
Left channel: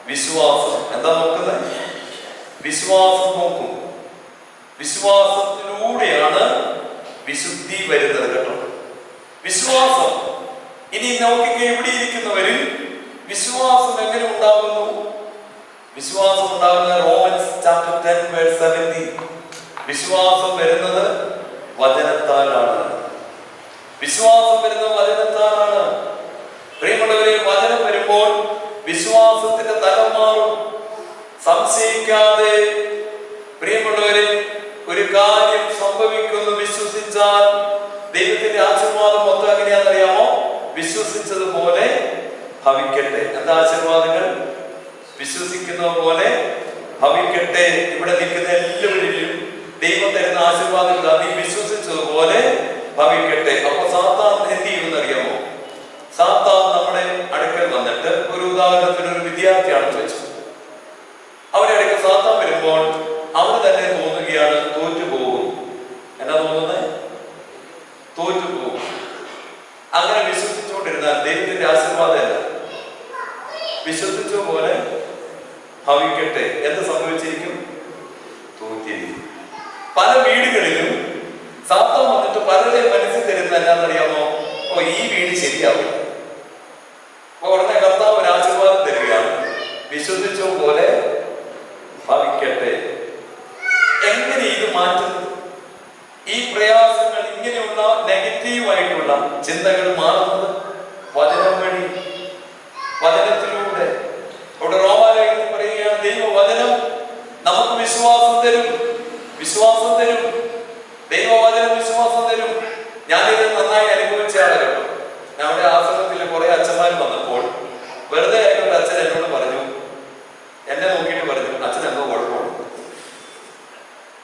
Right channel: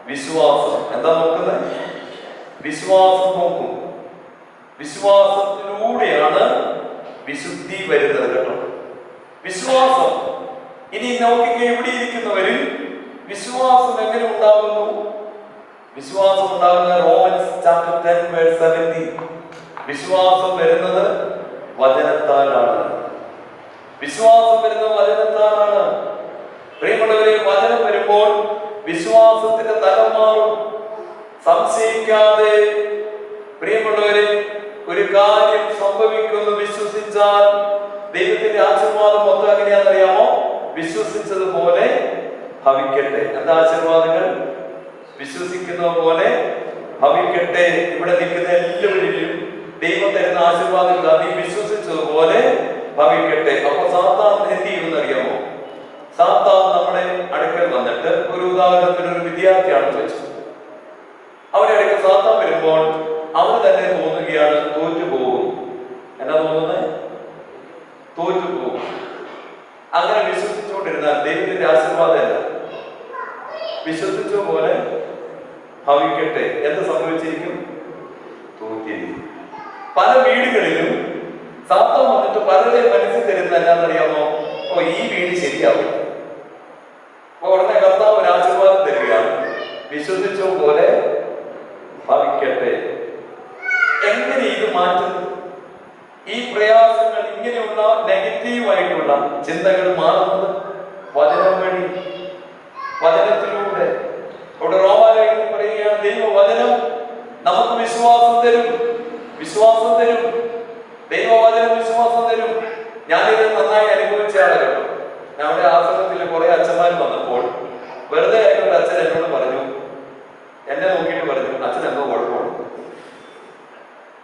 വിശ്വാസം. എന്താ നോക്കുന്നത്? വിശ്വാസം നോക്കും. വിശ്വാസത്തിലൂടെയാണ് വിശുദ്ധി വരുന്നത്. കേട്ടോ, വിശ്വാസം. ഇനി നോക്കിക്കേ, ഇവിടെ ഇരിക്കുന്നവരിൽ വിശ്വാസം എങ്ങനെ ഉണ്ടാകുന്നു? വിശ്വാസം ഉണ്ടാകുന്ന റോമൻസ് ചാപ്റ്റർ 10 വേഴ്സ് 70. വിശ്വാസം വരുന്നത് വചനത്താലാണ്. വിശ്വാസം വരുന്നത് വചനത്താലാണ്. പ്രിയമുള്ളവരെ, വചനം വരുമ്പോൾ വിശ്വാസത്തിന്റെ തലം മാറും. സംശയിക്കാതെ പ്രിയമുള്ളവരെ, ഒരു കാര്യം സംഭവിക്കുമെന്ന് വിശ്വസിച്ചാൽ ദൈവത്തിന്റെ ആശീർവാദം മൊത്തം എങ്ങനെയാണെന്നറിയാമോ? വിശ്വസിച്ചതുപോലെ ഭവിക്കട്ടെ. എന്താ ആശീർവാദങ്ങൾ? വിശ്വസിക്കുന്ന പോലെ ഭവിക്കട്ടെ. ഇവിടെ നിൽക്കുന്ന എല്ലാവരിലും ദൈവം തരുന്ന ആശീർവാദങ്ങൾ നീ വിശ്വസിച്ചതുപോലെ ഭവിക്കട്ടെ. അപ്പൊ സാത്താൻ എന്ത് ചെയ്യുമെന്നറിയാമോ? സാത്താൻ നമ്മുടെ അടുക്കൽ വന്നിട്ട്, ഒരു ഉദാഹരണത്തിന് ഒരു വിദ്യാർത്ഥിയാണെന്ന് വെച്ചു, അവരുടെ അടുക്കൽ സാത്താൻ വരുമ്പോൾ അവന് തന്നെ തോന്നുകയാണ് തോറ്റുപോകും. എന്നാ തോന്നുന്നത്? തോറ്റുപോകും. അങ്ങനെ വിശ്വസിച്ചുകൊണ്ടിരുന്നാൽ ദൈവത്തിന്റെ ആശീർവാദമല്ല, വിശ്വസിച്ച പോലെ ഭവിക്കട്ടെ. എന്ത് സംഭവിച്ചിരിക്കും? തോറ്റിരിക്കും. പല വീടുകളിലും സാത്താൻ വന്നിട്ട് പലരുടെ മനസ്സിൽ തരുന്ന എന്നാന്നറിയാമോ? ഓ, ഈ വീട് ശരിയാവും. അപ്പൊ ഉടനെ കർത്താവ് ഒരു ആശീർവാദം തരികയാണ്, വിശ്വസിച്ച പോലെ ഭവിക്കട്ടെ. എങ്ങനെ ഇത് മാറ്റുന്നത്? ഈ പ്രയാസങ്ങൾ, ഇങ്ങനെയുള്ള നെഗറ്റീവായിട്ടുള്ള ചിന്തകൾ മാറുന്നത് വചനം വഴി, വചനത്തിലൂടെ. അവിടെ റോമാലേഖനത്തിൽ പറയുകയാണ്, ദൈവവചനം നമുക്ക് വിശ്വാസം തരും, വിശ്വാസം തരും. ദൈവവചനം വിശ്വാസം തരും. ഞാനിത് നന്നായി അനുഭവിച്ച ആളുകൾ. ഞങ്ങളുടെ ആശ്രമത്തിൽ കുറെ അച്ഛന്മാർ വന്നപ്പോൾ വെറുതെ ആയിട്ട് അച്ഛൻ എന്നോട് പറഞ്ഞു, എന്നെ നോക്കിയിട്ട് പറഞ്ഞു, അച്ഛൻ എന്തോ കുഴപ്പമുണ്ട്.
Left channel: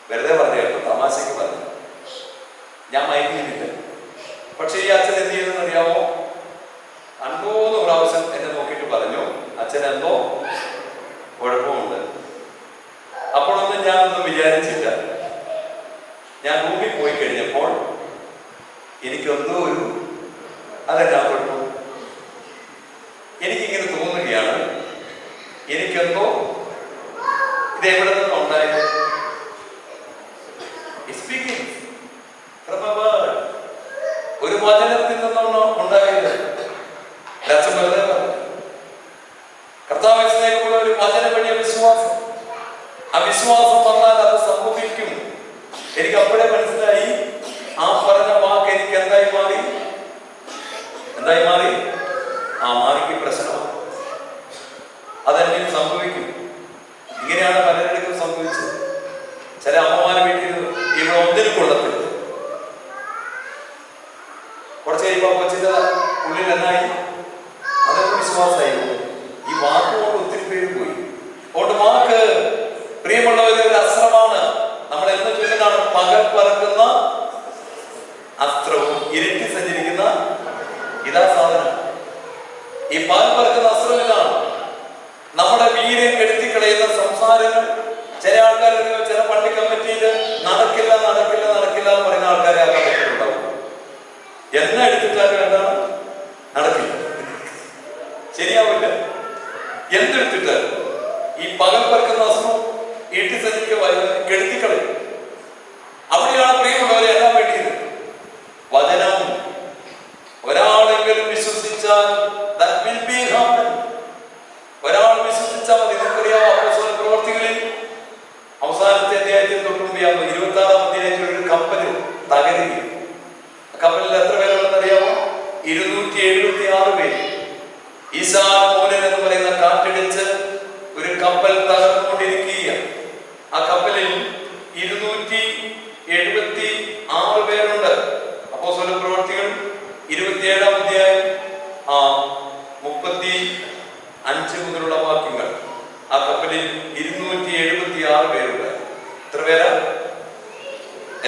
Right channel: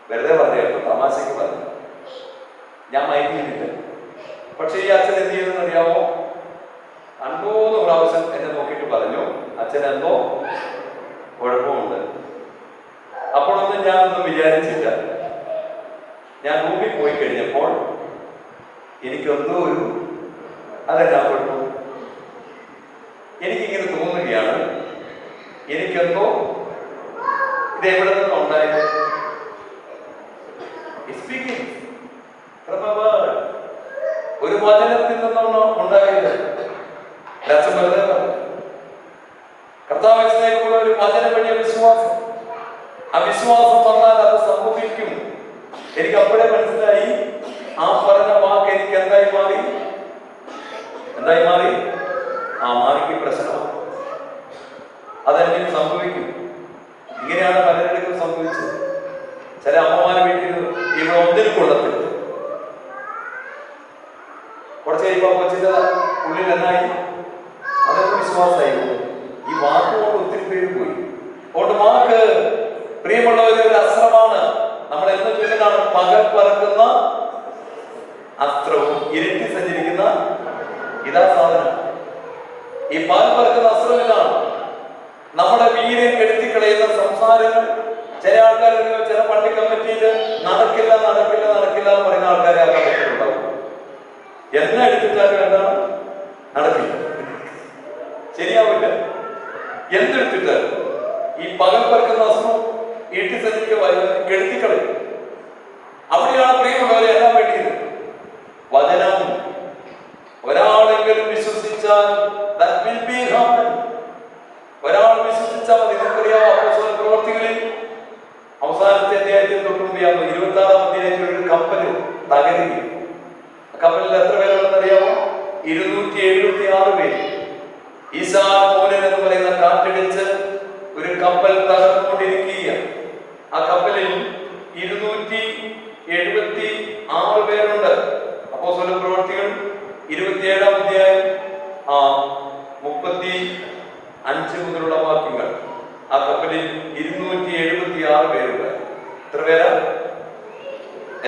വെറുതെ പറഞ്ഞു കേട്ടോ, തമാശക്ക് പറഞ്ഞു. ഞാൻ മയങ്ങിയില്ല. പക്ഷെ ഈ അച്ഛൻ എന്ത് ചെയ്തെന്ന് അറിയാമോ? 50 പ്രാവശ്യം എന്നെ നോക്കിയിട്ട് പറഞ്ഞു, അച്ഛൻ എന്തോ കുഴപ്പമുണ്ട്. അപ്പോഴൊന്നും ഞാനൊന്നും വിചാരിച്ചില്ല. ഞാൻ റൂമിൽ പോയി കഴിഞ്ഞപ്പോൾ എനിക്കെന്തോ അതെന്നാ കുഴപ്പം? എനിക്കിങ്ങനെ തോന്നുകയാണ്, എനിക്കെന്തോ ഇത് എവിടെ നിന്നും ഉണ്ടായത്? ഒരു വചനത്തിൽ നിന്നാണ് ഉണ്ടായത്. കർത്താവിനെ സ്നേഹിക്കുന്ന ഒരു വചനം വഴിയ വിശ്വാസം. ആ വിശ്വാസം വന്നാൽ അത് സംഭവിക്കും. എനിക്ക് അപ്പോഴേ മനസ്സിലായി, ആ പറഞ്ഞ വാക്ക് എനിക്ക് എന്തായി മാറി? എന്തായി മാറി? ആ മാറിക്ക് പ്രശ്നമാണ്. അതെങ്ങനെ സംഭവിക്കും? ഇങ്ങനെയാണ് പലരുടെയും സംഭവിച്ചത്. ചില അമ്മമാരെ വീട്ടിൽ ഇവിടെ ഒന്നിനും കൊള്ളത്തില്ല. കുറച്ച് കഴിയുമ്പോൾ കൊച്ചിന്റെ ഉള്ളിൽ എന്നായി? അതൊക്കെ വിശ്വാസമായി. ഈ വാക്കുകൊണ്ട് ഒത്തിരി പേര് പോയി. അതുകൊണ്ട് വാക്ക് പ്രിയമുള്ളവരെ ഒരു അസ്ത്രമാണ്. നമ്മൾ എന്ന് ചൊല്ലുന്നതാണ്, പകൽ പറക്കുന്ന അസ്ത്രവും ഇരുട്ടി സഞ്ചരിക്കുന്ന ഇതാ സാധനം. ഈ പകൽ പറക്കുന്ന അസ്ത്രം ഇതാണ്. നമ്മുടെ വീര്യം കെടുത്തിക്കളയുന്ന സംസാരങ്ങൾ. ചില ആൾക്കാർ, ചില പള്ളി കമ്മിറ്റിയിൽ നടക്കില്ല നടക്കില്ല നടക്കില്ല എന്ന് പറയുന്ന ആൾക്കാരെ ആ കമ്മിറ്റിയിലുണ്ടാവും. എന്നെ എടുത്തിട്ടാലും എന്താണ്? നടക്കില്ല, ശരിയാവില്ല. എന്തെടുത്തിട്ട് ഈ പകൽ പറക്കുന്ന അസ്ത്രം ഈട്ടി സഞ്ചരിക്കുക കെടുത്തിക്കളയും. അവിടെയാണ് കപ്പല് തകരുകയും. കപ്പലിൽ എത്ര പേരുണ്ടെന്ന് അറിയാമോ? 276 പേര്. ഈശാൻ മൂലൻ എന്ന് പറയുന്ന കാറ്റടിച്ച് ഒരു കപ്പൽ തകർന്നുകൊണ്ടിരിക്കുകയാണ്. ആ കപ്പലിൽ 276 പേരുണ്ട്. അപ്പോസ്തല പ്രവൃത്തികൾ 27-ാം അധ്യായം 35 മുതലുള്ള വാക്യങ്ങൾ. ആ കപ്പലിൽ 276 പേരുണ്ട്. എത്ര പേരാ?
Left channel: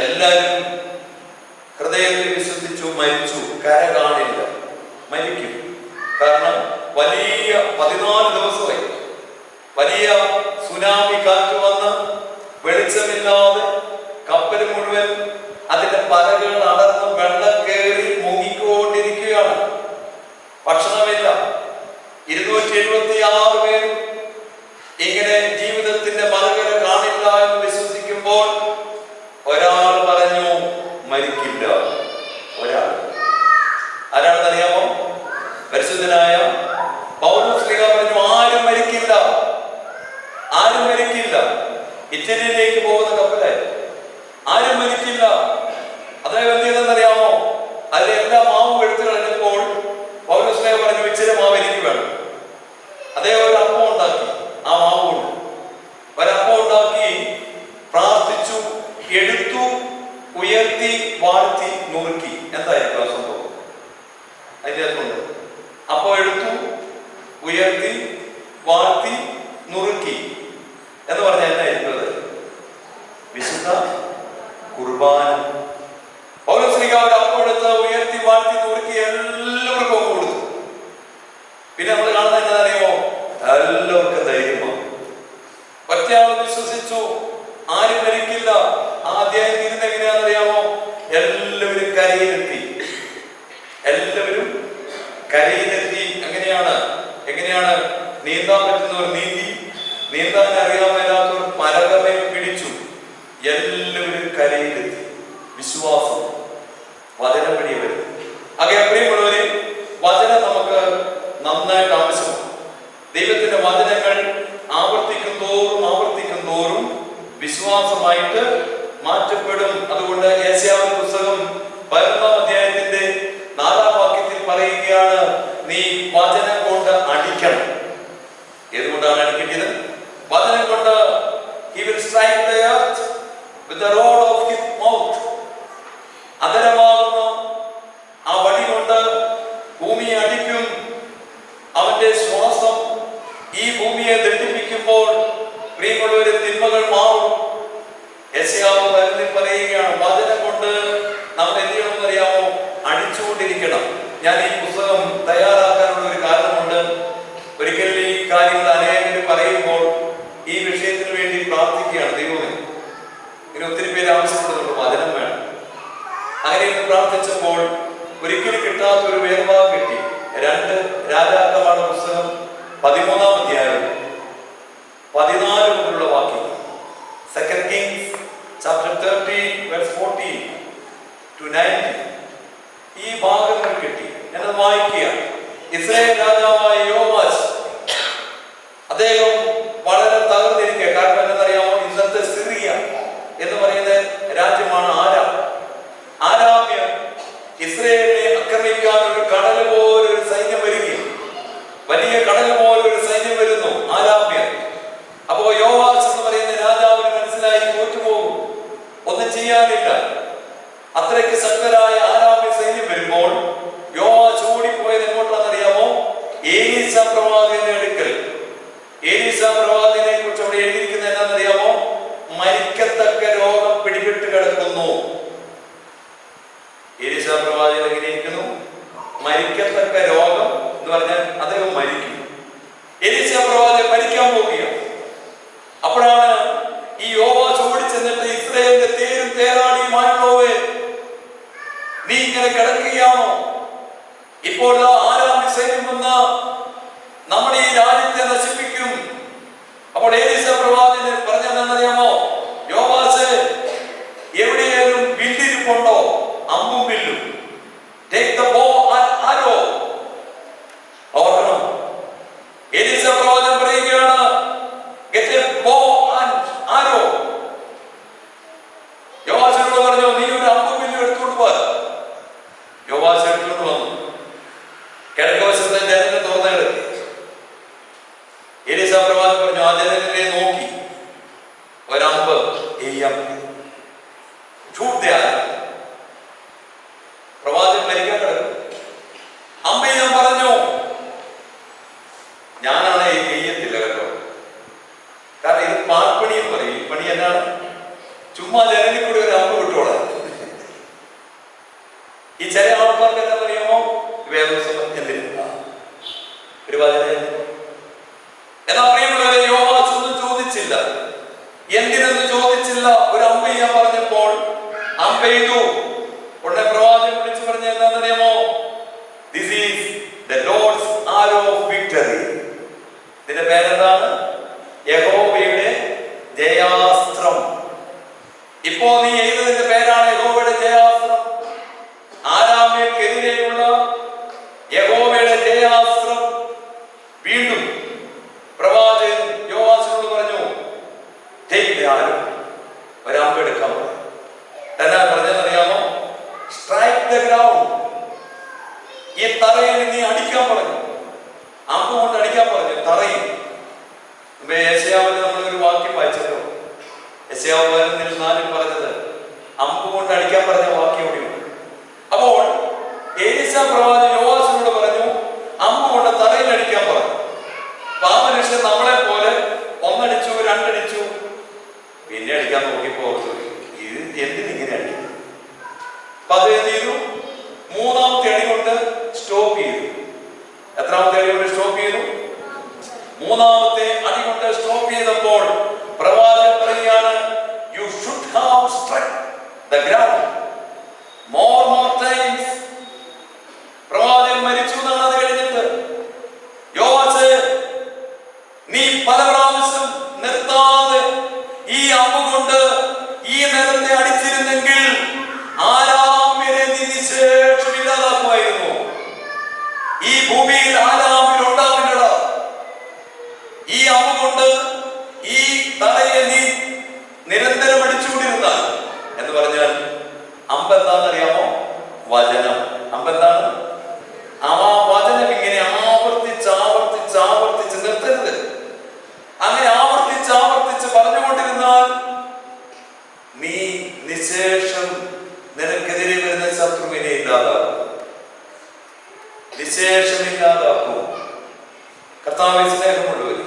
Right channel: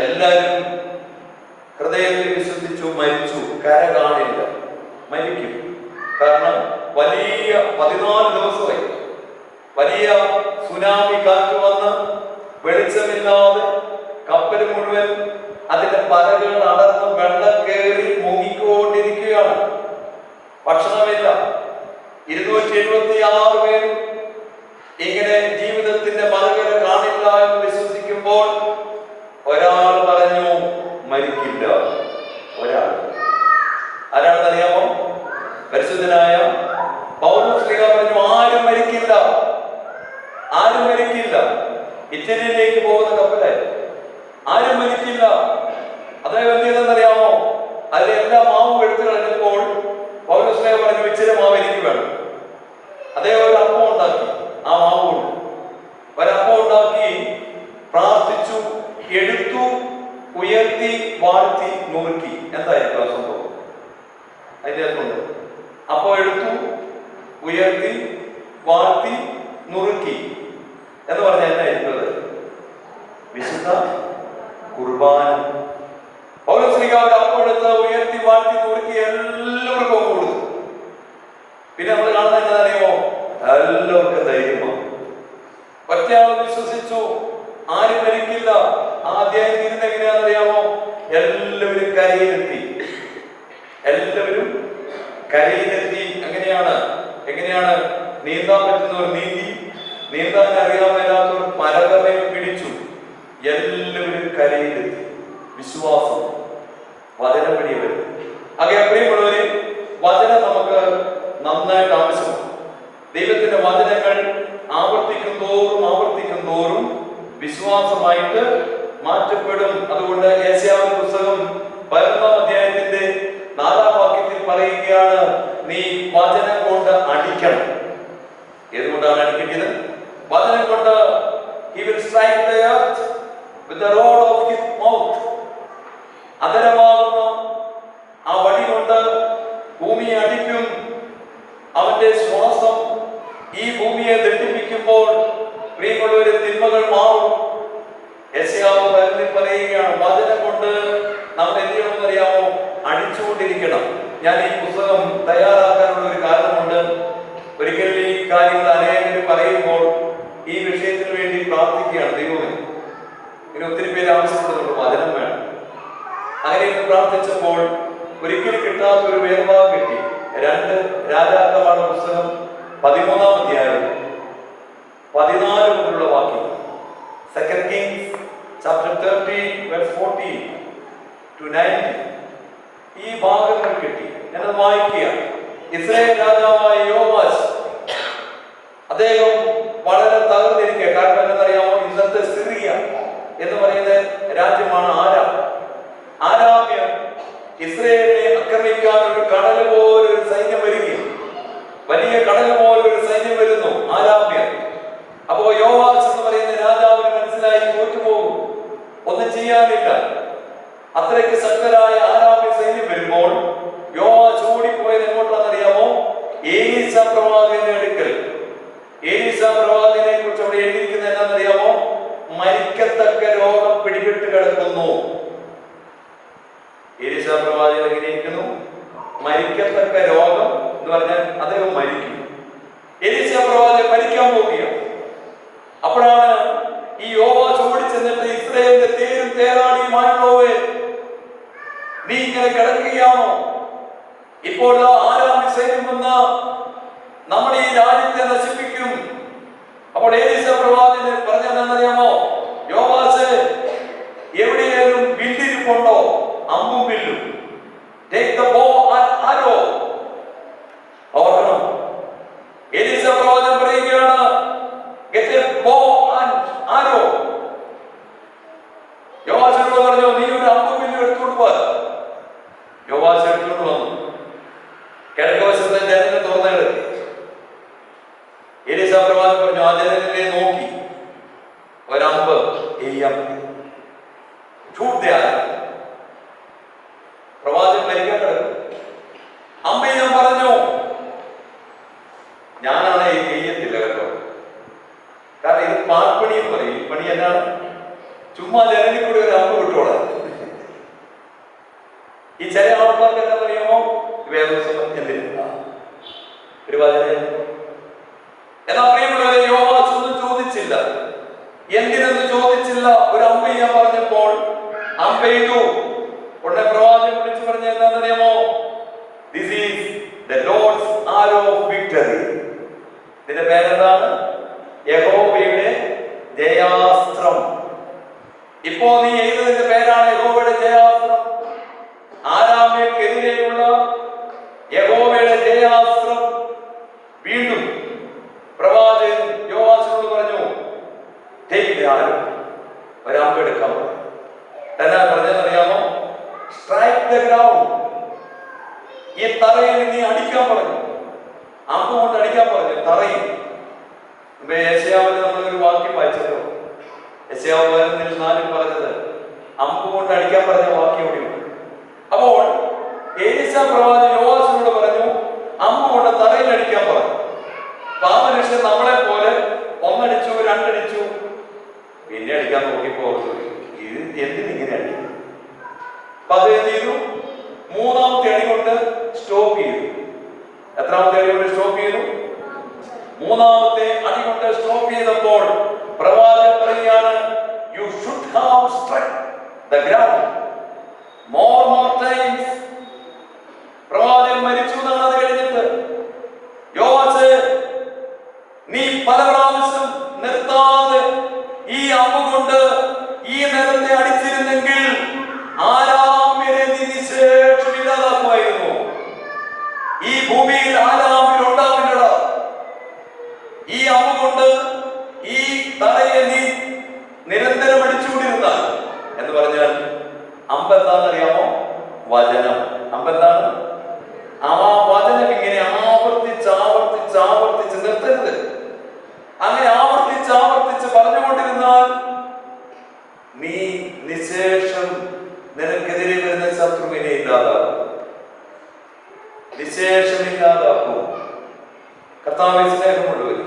എല്ലാവരും ഹൃദയത്തിൽ വിശ്വസിച്ചു, മരിച്ചു. കര കാണില്ല, മരിക്കും. കാരണം വലിയ 14 ദിവസമായി വലിയ സുനാമി കാറ്റ് വന്ന് വെളിച്ചമില്ലാതെ കപ്പൽ മുഴുവൻ അതിന്റെ പലകൾ അടർന്ന് വെള്ളം കയറി മുങ്ങിക്കൊണ്ടിരിക്കുകയാണ്. ഭക്ഷണമില്ല. 276 പേരും ഇങ്ങനെ ജീവിതത്തിന്റെ മറുകര കാണില്ല എന്ന് വിശ്വസിക്കുമ്പോൾ ഒരാൾ പറഞ്ഞു മരിക്കില്ല. ഒരാൾ ആരാണെന്നറിയാമോ? പരിശുദ്ധനായ പൗലോസ് ശ്ലീഹ പറഞ്ഞു ആരും മരിക്കില്ല, ആരും മരിക്കില്ല. ഇറ്റലിയിലേക്ക് പോകുന്ന കപ്പലായി. ആരും മരിക്കില്ല. അദ്ദേഹം എന്ത് ചെയ്തെന്നറിയാമോ? അതിലെ എല്ലാ മാവും എടുത്തു കളഞ്ഞപ്പോൾ പൗലോസ് ശ്ലീഹ പറഞ്ഞു ഇച്ചിരി മാവ് എനിക്ക് വേണം. അദ്ദേഹം ഒരു അപ്പം ഉണ്ടാക്കി. ആ മാവ് കൊണ്ട് ഒരപ്പം ഉണ്ടാക്കി പ്രാർത്ഥിച്ചു, എടുത്തു, ഉയർത്തി, വാഴ്ത്തി, നുറുക്കി. എന്തായിരിക്കും ആ സംഭവം? അതിൻ്റെ അകത്തുണ്ട്. അപ്പോൾ എടുത്തു, ഉയർത്തി, വാഴ്ത്തി, നുറുക്കി എന്ന് പറഞ്ഞാൽ എന്നായിരിക്കും? വിശുദ്ധ കുർബാന. പൗലോസ് ശ്ലീഹ ഒരു അപ്പം എടുത്ത് ഉയർത്തി, വാഴ്ത്തി, നുറുക്കി എല്ലാവർക്കും കൊടുത്തു. പിന്നെ നമ്മൾ കാണുന്നത് എന്താണെന്നറിയുമോ? എല്ലാവർക്കും ധൈര്യമാണ്. ഒറ്റയാൾ വിശ്വസിച്ചു, ആരും മരിക്കില്ല. ആ അധ്യായം തീരുന്ന എങ്ങനെയാണെന്നറിയാമോ? എല്ലാവരും കരയിലെത്തി. എല്ലാവരും കരയിലെത്തി. എങ്ങനെയാണ്? നീന്താൻ പറ്റുന്നവർ നീന്തി, നീന്താൻ അറിയാമെല്ലാത്തവർ പലകമേ പിടിച്ചു. എല്ലാവരും കരയിലെത്തി. വിശ്വാസം വചനം വഴി വരും. അങ്ങനെ പ്രിയമുള്ളവരെ, വചനം നമുക്ക് നന്നായിട്ട് ആവശ്യമാണ്. ദൈവത്തിന്റെ വചനങ്ങൾ ആവർത്തിക്കും തോറും വിശ്വാസമായിട്ട് മാറ്റപ്പെടും. അതുകൊണ്ട് യെശയ്യാവിന്റെ പുസ്തകം 11-ാം അധ്യായത്തിന്റെ 4-ാം വാക്യത്തിൽ പറയുകയാണ്, നീ വചനം കൊണ്ട് അടിക്കണം. ഏതുകൊണ്ടാണ് അടിക്കേണ്ടത്? വചനം കൊണ്ട് he will strike the earth with the rod of his mouth. അതരമാകുന്ന ആ വടി കൊണ്ട് ഭൂമിയെ അടിക്കും. അവന്റെ ശ്വാസം ഈ ഭൂമിയെ ദണ്ഡിപ്പിക്കുമ്പോൾ പ്രിയമുള്ളവരെ തിന്മകൾ മാറും. യെശയ്യാവ് പറയുകയാണ്, വചനം കൊണ്ട് നമ്മൾ എന്ത് ചെയ്യണമെന്നറിയാമോ? അടിച്ചുകൊണ്ടിരിക്കണം. ഞാൻ ഈ പുസ്തകം തയ്യാറാക്കാനുള്ള ഒരു കാരണമുണ്ട്. ഒരിക്കൽ ഈ കാര്യങ്ങൾ അനേകം പറയുമ്പോൾ ഈ വിഷയത്തിന് വേണ്ടി പ്രാർത്ഥിക്കുകയാണ്. ദൈവമേ, ഇങ്ങനെ ഒത്തിരി പേര് ആവശ്യപ്പെടുന്നുണ്ട്, വചനം വേണം. അങ്ങനെ പ്രാർത്ഥിച്ചപ്പോൾ ഒരിക്കലും കിട്ടാത്ത ഒരു വേർഭാഗം കിട്ടി. 2 രാജാക്കന്മാരുടെ പുസ്തകം 13-ാം അധ്യായം 14 മുതലുള്ള വാക്യങ്ങൾ. 2 Kings chapter 13 verse 14 to 19. ഈ ഭാഗങ്ങൾ കിട്ടി. എന്നത് വായിക്കുക. ഇസ്രായേൽ രാജാവായ യോവാശ്, അദ്ദേഹം വളരെ തകർന്നിരിക്കുക. കാരണം എന്താണെന്നറിയാമോ? ഇന്നത്തെ സിറിയ എന്ന് പറയുന്ന രാജ്യമാണ് ആരാമ്യർ ഇസ്രായേലിനെ ആക്രമിക്കാൻ ഒരു കടൽ പോലൊരു സൈന്യം വരികയും, വലിയ കടൽ പോലൊരു സൈന്യം വരുന്നു, ആരാമ്യർ. അപ്പോ യോവാശ് എന്ന് പറയുന്ന രാജാവിന് മനസ്സിലായി തോറ്റുപോകും, ഒന്നും ചെയ്യാനില്ല. അത്രയ്ക്ക് ശക്തരായ ആരാമ്യ സൈന്യം വരുമ്പോൾ യോവാശ് ഓടിപ്പോയത് എങ്ങോട്ടാണെന്നറിയാമോ? ഏലീശ പ്രവാചകന്റെ അടുക്കൽ. ഏലീശ പ്രവാചകനെ കുറിച്ച് അവിടെ എഴുതിയിരിക്കുന്നത് എന്താണെന്നറിയാമോ? മരിക്കത്തക്ക രോഗം പിടിപെട്ട് കിടക്കുന്നു. ഏലീശ പ്രവാചകൻ എങ്ങനെയിരിക്കുന്നു? മരിക്കത്തക്ക രോഗം എന്ന് പറഞ്ഞാൽ അദ്ദേഹം മരിക്കും. ഏലീശ പ്രവാചകൻ മരിക്കാൻ പോവുകയാണ്. അപ്പോഴാണ് ഈ യോവാശ് ഓടിച്ചെന്നിട്ട് ഇസ്രായേലിന്റെ തേരും തേരാളിയുമായുള്ളവേ, നീ ഇങ്ങനെ കിടക്കുകയാണോ? ഇപ്പോൾ ആരാമ്യ സൈന്യം വന്ന് നമ്മുടെ ഈ രാജ്യത്തെ നശിപ്പിക്കും. അപ്പോൾ ഏലീശ പ്രവാചകൻ പറഞ്ഞതെന്നറിയാമോ? യോവാശ്, എവിടെയാലും വില്ലിരിപ്പുണ്ടോ? അമ്പും വില്ലും. Take the bow and arrow. ഓർക്കണം, ഏലീശ പ്രവാചകൻ പറയുകയാണ്, get a bow and arrow. യോവാശിനോട് പറഞ്ഞു, നീ പെയ്തു. ഉടനെ പ്രവാചകൻ വിളിച്ചു പറഞ്ഞ എന്താണെന്നറിയാമോ? This is the Lord's arrow of victory. ഇതിന്റെ പേരെന്താണ്? യഹോവയുടെ ജയാസ്ത്രം. ഇപ്പോ നീ എഴുതുന്നതിന്റെ പേരാണ് യഹോവയുടെ ജയാസ്ത്രം. ആരാമ്യക്കെതിരെയുള്ള യഹോവയുടെ ജയാസ്ത്രം. വീണ്ടും പ്രവാചകൻ യോവാശിനോട് പറഞ്ഞു, ഒരമ്പെടുക്കാൻ പറഞ്ഞു. എന്നാ പറഞ്ഞതെന്നറിയാമോ? Strike the ground. ഈ തറയിൽ നീ അടിക്കാൻ പറഞ്ഞു. അമ്പ് കൊണ്ട് അടിക്കാൻ പറഞ്ഞു തറയിൽ. യെശയ്യാവിൽ നമ്മളൊരു വാക്യം വായിച്ചല്ലോ. യെശയ്യാവ് 4 പറഞ്ഞത് അമ്പ് കൊണ്ട് അടിക്കാൻ പറഞ്ഞ വാക്യം കൂടിയുണ്ട്. അപ്പോൾ എലീശാ പ്രവാചകൻ യോവാശിനോട് പറഞ്ഞു, അമ്പ് കൊണ്ട് തറയിൽ അടിക്കാൻ പറഞ്ഞു. ആ മനുഷ്യൻ നമ്മളെ പോലെ 1 അടിച്ചു, 2 അടിച്ചു, പിന്നെ അടിക്കാൻ നോക്കിയപ്പോ ഇത് എന്തിനിങ്ങനെ അടിക്കും? അപ്പൊ അത് എന്ത് ചെയ്തു? 3ാമത്തെ അടി കൊണ്ട് സ്റ്റോപ്പ് ചെയ്തു. എത്രാമത്തെ അടി കൊണ്ട് സ്റ്റോപ്പ് ചെയ്തു? 3ാമത്തെ അടി കൊണ്ട് സ്റ്റോപ്പ് ചെയ്തപ്പോൾ പ്രവാചകൻ പറയുകയാണ്, you should have strike the ground more times. പ്രവാചകൻ മരിച്ചു എന്നാണ് അത് കഴിഞ്ഞിട്ട്. യോവാശേ, നീ പല പ്രാവശ്യം നിർത്താതെ ഈ അമ്പ് കൊണ്ട് ഈ നിലത്തെ അടിച്ചിരുന്നെങ്കിൽ ആരാമ്യരെ നീ നിശേഷം ഇല്ലാതാക്കുമായിരുന്നു. ഈ ഭൂമിയിൽ ആരാമ്യരുണ്ടാവില്ല. ഈ അമ്പ് കൊണ്ട് ഈ തലയെ നീ നിരന്തരം അടിച്ചുകൊണ്ടിരുന്നാൽ എന്ന് പറഞ്ഞാൽ അമ്പ് എന്താണെന്നറിയാമോ? വചനം. അമ്പ് എന്താണ്? ആ വചനം ഇങ്ങനെ ആവർത്തിച്ച് ആവർത്തിച്ച് ആവർത്തിച്ച് നിർത്തരുത്. അങ്ങനെ ആവർത്തിച്ച് ആവർത്തിച്ച് പറഞ്ഞുകൊണ്ടിരുന്നാൽ നീ നിശേഷം നിനക്കെതിരെ വരുന്ന ശത്രുവിനെ ഇല്ലാതാക്കും, നിശേഷം ഇല്ലാതാക്കും. കർത്താവിൽ സ്നേഹമുള്ളവർ,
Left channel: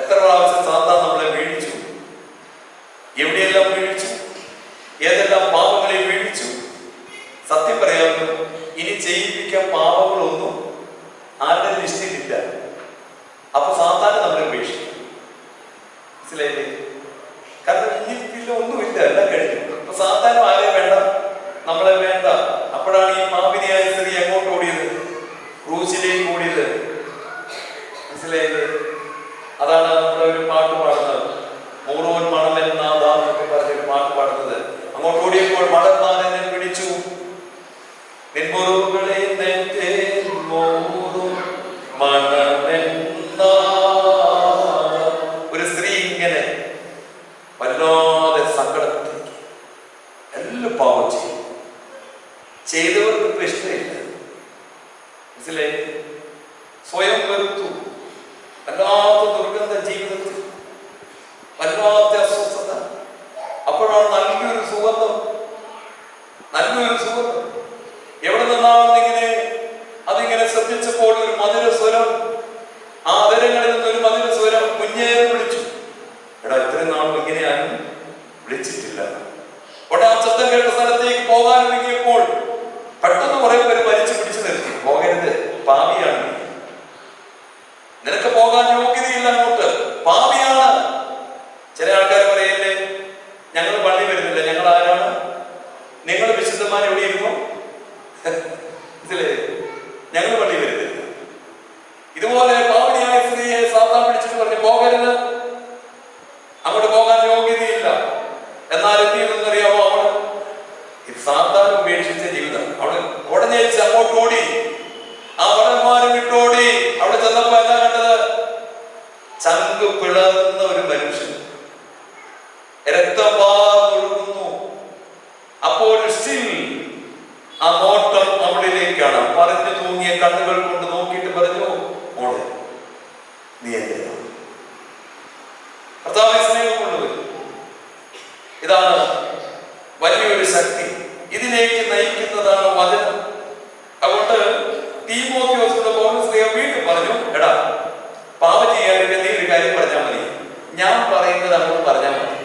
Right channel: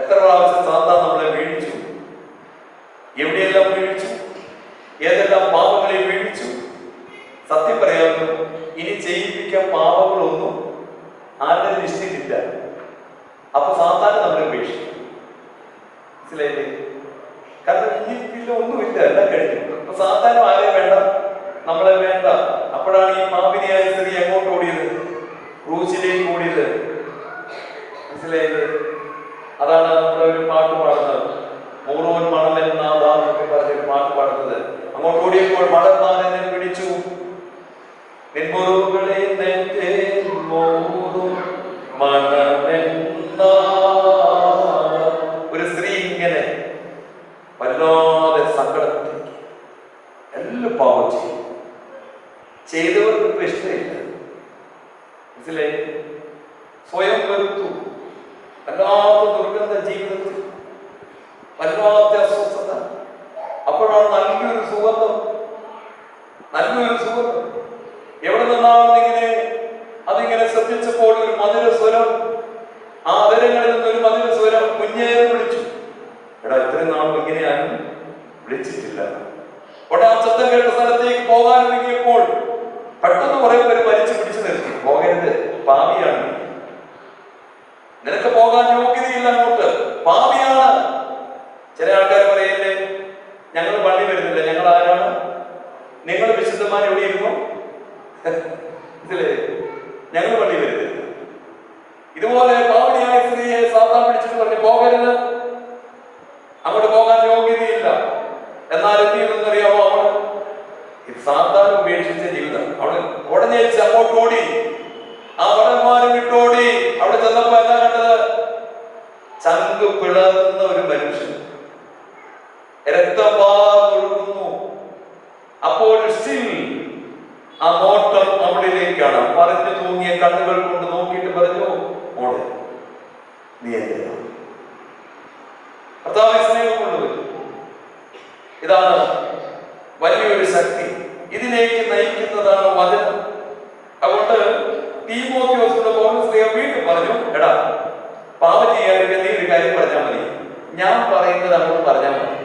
എത്ര പ്രാവശ്യം സാത്താൻ നമ്മളെ വീഴിച്ചു? എവിടെയെല്ലാം വീഴിച്ചു? ഏതെല്ലാം പാപങ്ങളെ വീഴിച്ചു? സത്യം പറയാമല്ലോ, ഇനി ചെയ്യിപ്പിക്കാൻ പാപങ്ങളൊന്നും ആരുടെ ലിസ്റ്റിലില്ല. അപ്പൊ സാത്താൻ നമ്മളെ ഉപേക്ഷിക്കും. മനസ്സിലായില്ലേ? കാരണം ഇനി ഒന്നുമില്ല, എല്ലാം കഴിഞ്ഞു. അപ്പൊ സാധാരണ ആരെ വേണ്ട? നമ്മളെ വേണ്ട. അപ്പോഴാണ് ഈ പാപിനിയായ സ്ത്രീ എങ്ങോട്ട് ഓടിയത്? ക്രൂശിലേക്ക് ഓടിയത്. മനസ്സിലായില്ലേ? അതാണ് നമ്മുടെ ഒരു പാട്ട് പാടുന്നത്, മൂറോൻ മണമെന്നാന്നൊക്കെ പറഞ്ഞൊരു പാട്ട് പാടുന്നത്. അങ്ങോട്ട് ഓടിയപ്പോൾ മടന്മാൻ എന്നെ പിടിച്ചു, നിൻമുറിവുകളെ ഒരു സ്ത്രീ ഇങ്ങനെ വല്ലാതെ സങ്കടപ്പെട്ടിരിക്കും. എല്ലാം പാപം ചെയ്യും. ചെയ്തവർക്ക് ഇപ്പൊ ഇഷ്ടമില്ല. മനസ്സിലായി? സ്വയം വെറുത്തു. വല്ലാത്ത ദുർഗന്ധ ജീവിതത്തിൽ, വല്ലാത്ത അസ്വസ്ഥത. അപ്പോഴാണ് നല്ലൊരു സുഗന്ധം, നല്ലൊരു സുഗന്ധം എവിടെ നിന്നാണെന്ന് ഇങ്ങനെ അതിങ്ങനെ ശ്രദ്ധിച്ചപ്പോൾ ഒരു മധുര സ്വരം, ആ അതരങ്ങളിൽ നിന്നൊരു മധുര സ്വരം കുഞ്ഞേനെ വിളിച്ചു. എടാ, ഇത്രയും നാളും ഇങ്ങനെ ആരും വിളിച്ചിട്ടില്ല. ഉടനെ ആ ശബ്ദം കേട്ട സ്ഥലത്തേക്ക് പോകാൻ ഒരുങ്ങിയപ്പോൾ പെട്ടെന്ന് കുറെ പേര് വലിച്ചു പിടിച്ചു നിർത്തി. പോകരുത്, പാപിയാണ്, നിനക്ക് പോകാൻ യോഗ്യതയില്ല, അങ്ങോട്ട് പാപിയാണ്. ചില ആൾക്കാർ പറയല്ലേ, ഞങ്ങൾ പള്ളി വരുന്നില്ല, ഞങ്ങൾ ആരാണ്? നിങ്ങൾ വിശുദ്ധന്മാർ എവിടെ ഇരുന്നു? ഇതിലേ ഞങ്ങൾ പള്ളി വരുന്നില്ല. ഇതുപോലെ പാപിനിയായ സ്ത്രീയെ സാത്താൻ പിടിച്ചിട്ട് പറഞ്ഞു, പോകരുത്, അങ്ങോട്ട് പോകാൻ യോഗ്യതയില്ല. എന്നാൽ എന്ത് ചെയ്യുന്നറിയാമോ? അവള് സാത്താൻ ഉപേക്ഷിച്ച ജീവിതം. അവള് ഉടനെ അങ്ങോട്ട് ഓടി, ആ വടന്മാരും വിട്ടോടി. അവിടെ ചെന്നപ്പോ എന്താ കണ്ടത്? ചങ്ക് പിളർന്ന ഒരു മനുഷ്യൻ, രക്തം വാർന്നൊഴുകുന്നു. അപ്പോൾ സ്റ്റിൽ ആ നോട്ടം അവളിലേക്കാണ്. പറഞ്ഞു തൂങ്ങിയ കണ്ണുകൾ കൊണ്ട് നോക്കിയിട്ട് പറഞ്ഞു, മോളെ നീ എന്തിനാ? കർത്താവേ സ്നേഹം കൊണ്ടുവരും. ഇതാണ് വലിയൊരു ശക്തി. ഇതിലേക്ക് നയിക്കുന്നതാണ് വചനം. അതുകൊണ്ട് തീമോഥെയോസിനോട് പൗലോസ് വീണ്ടും പറഞ്ഞു, എടാ, പാപം ചെയ്യാതിരിക്കാൻ നീ ഒരു കാര്യം പറഞ്ഞാൽ മതി, ഞാൻ പറയുന്നത് അങ്ങോട്ട് പറഞ്ഞാൽ മതി.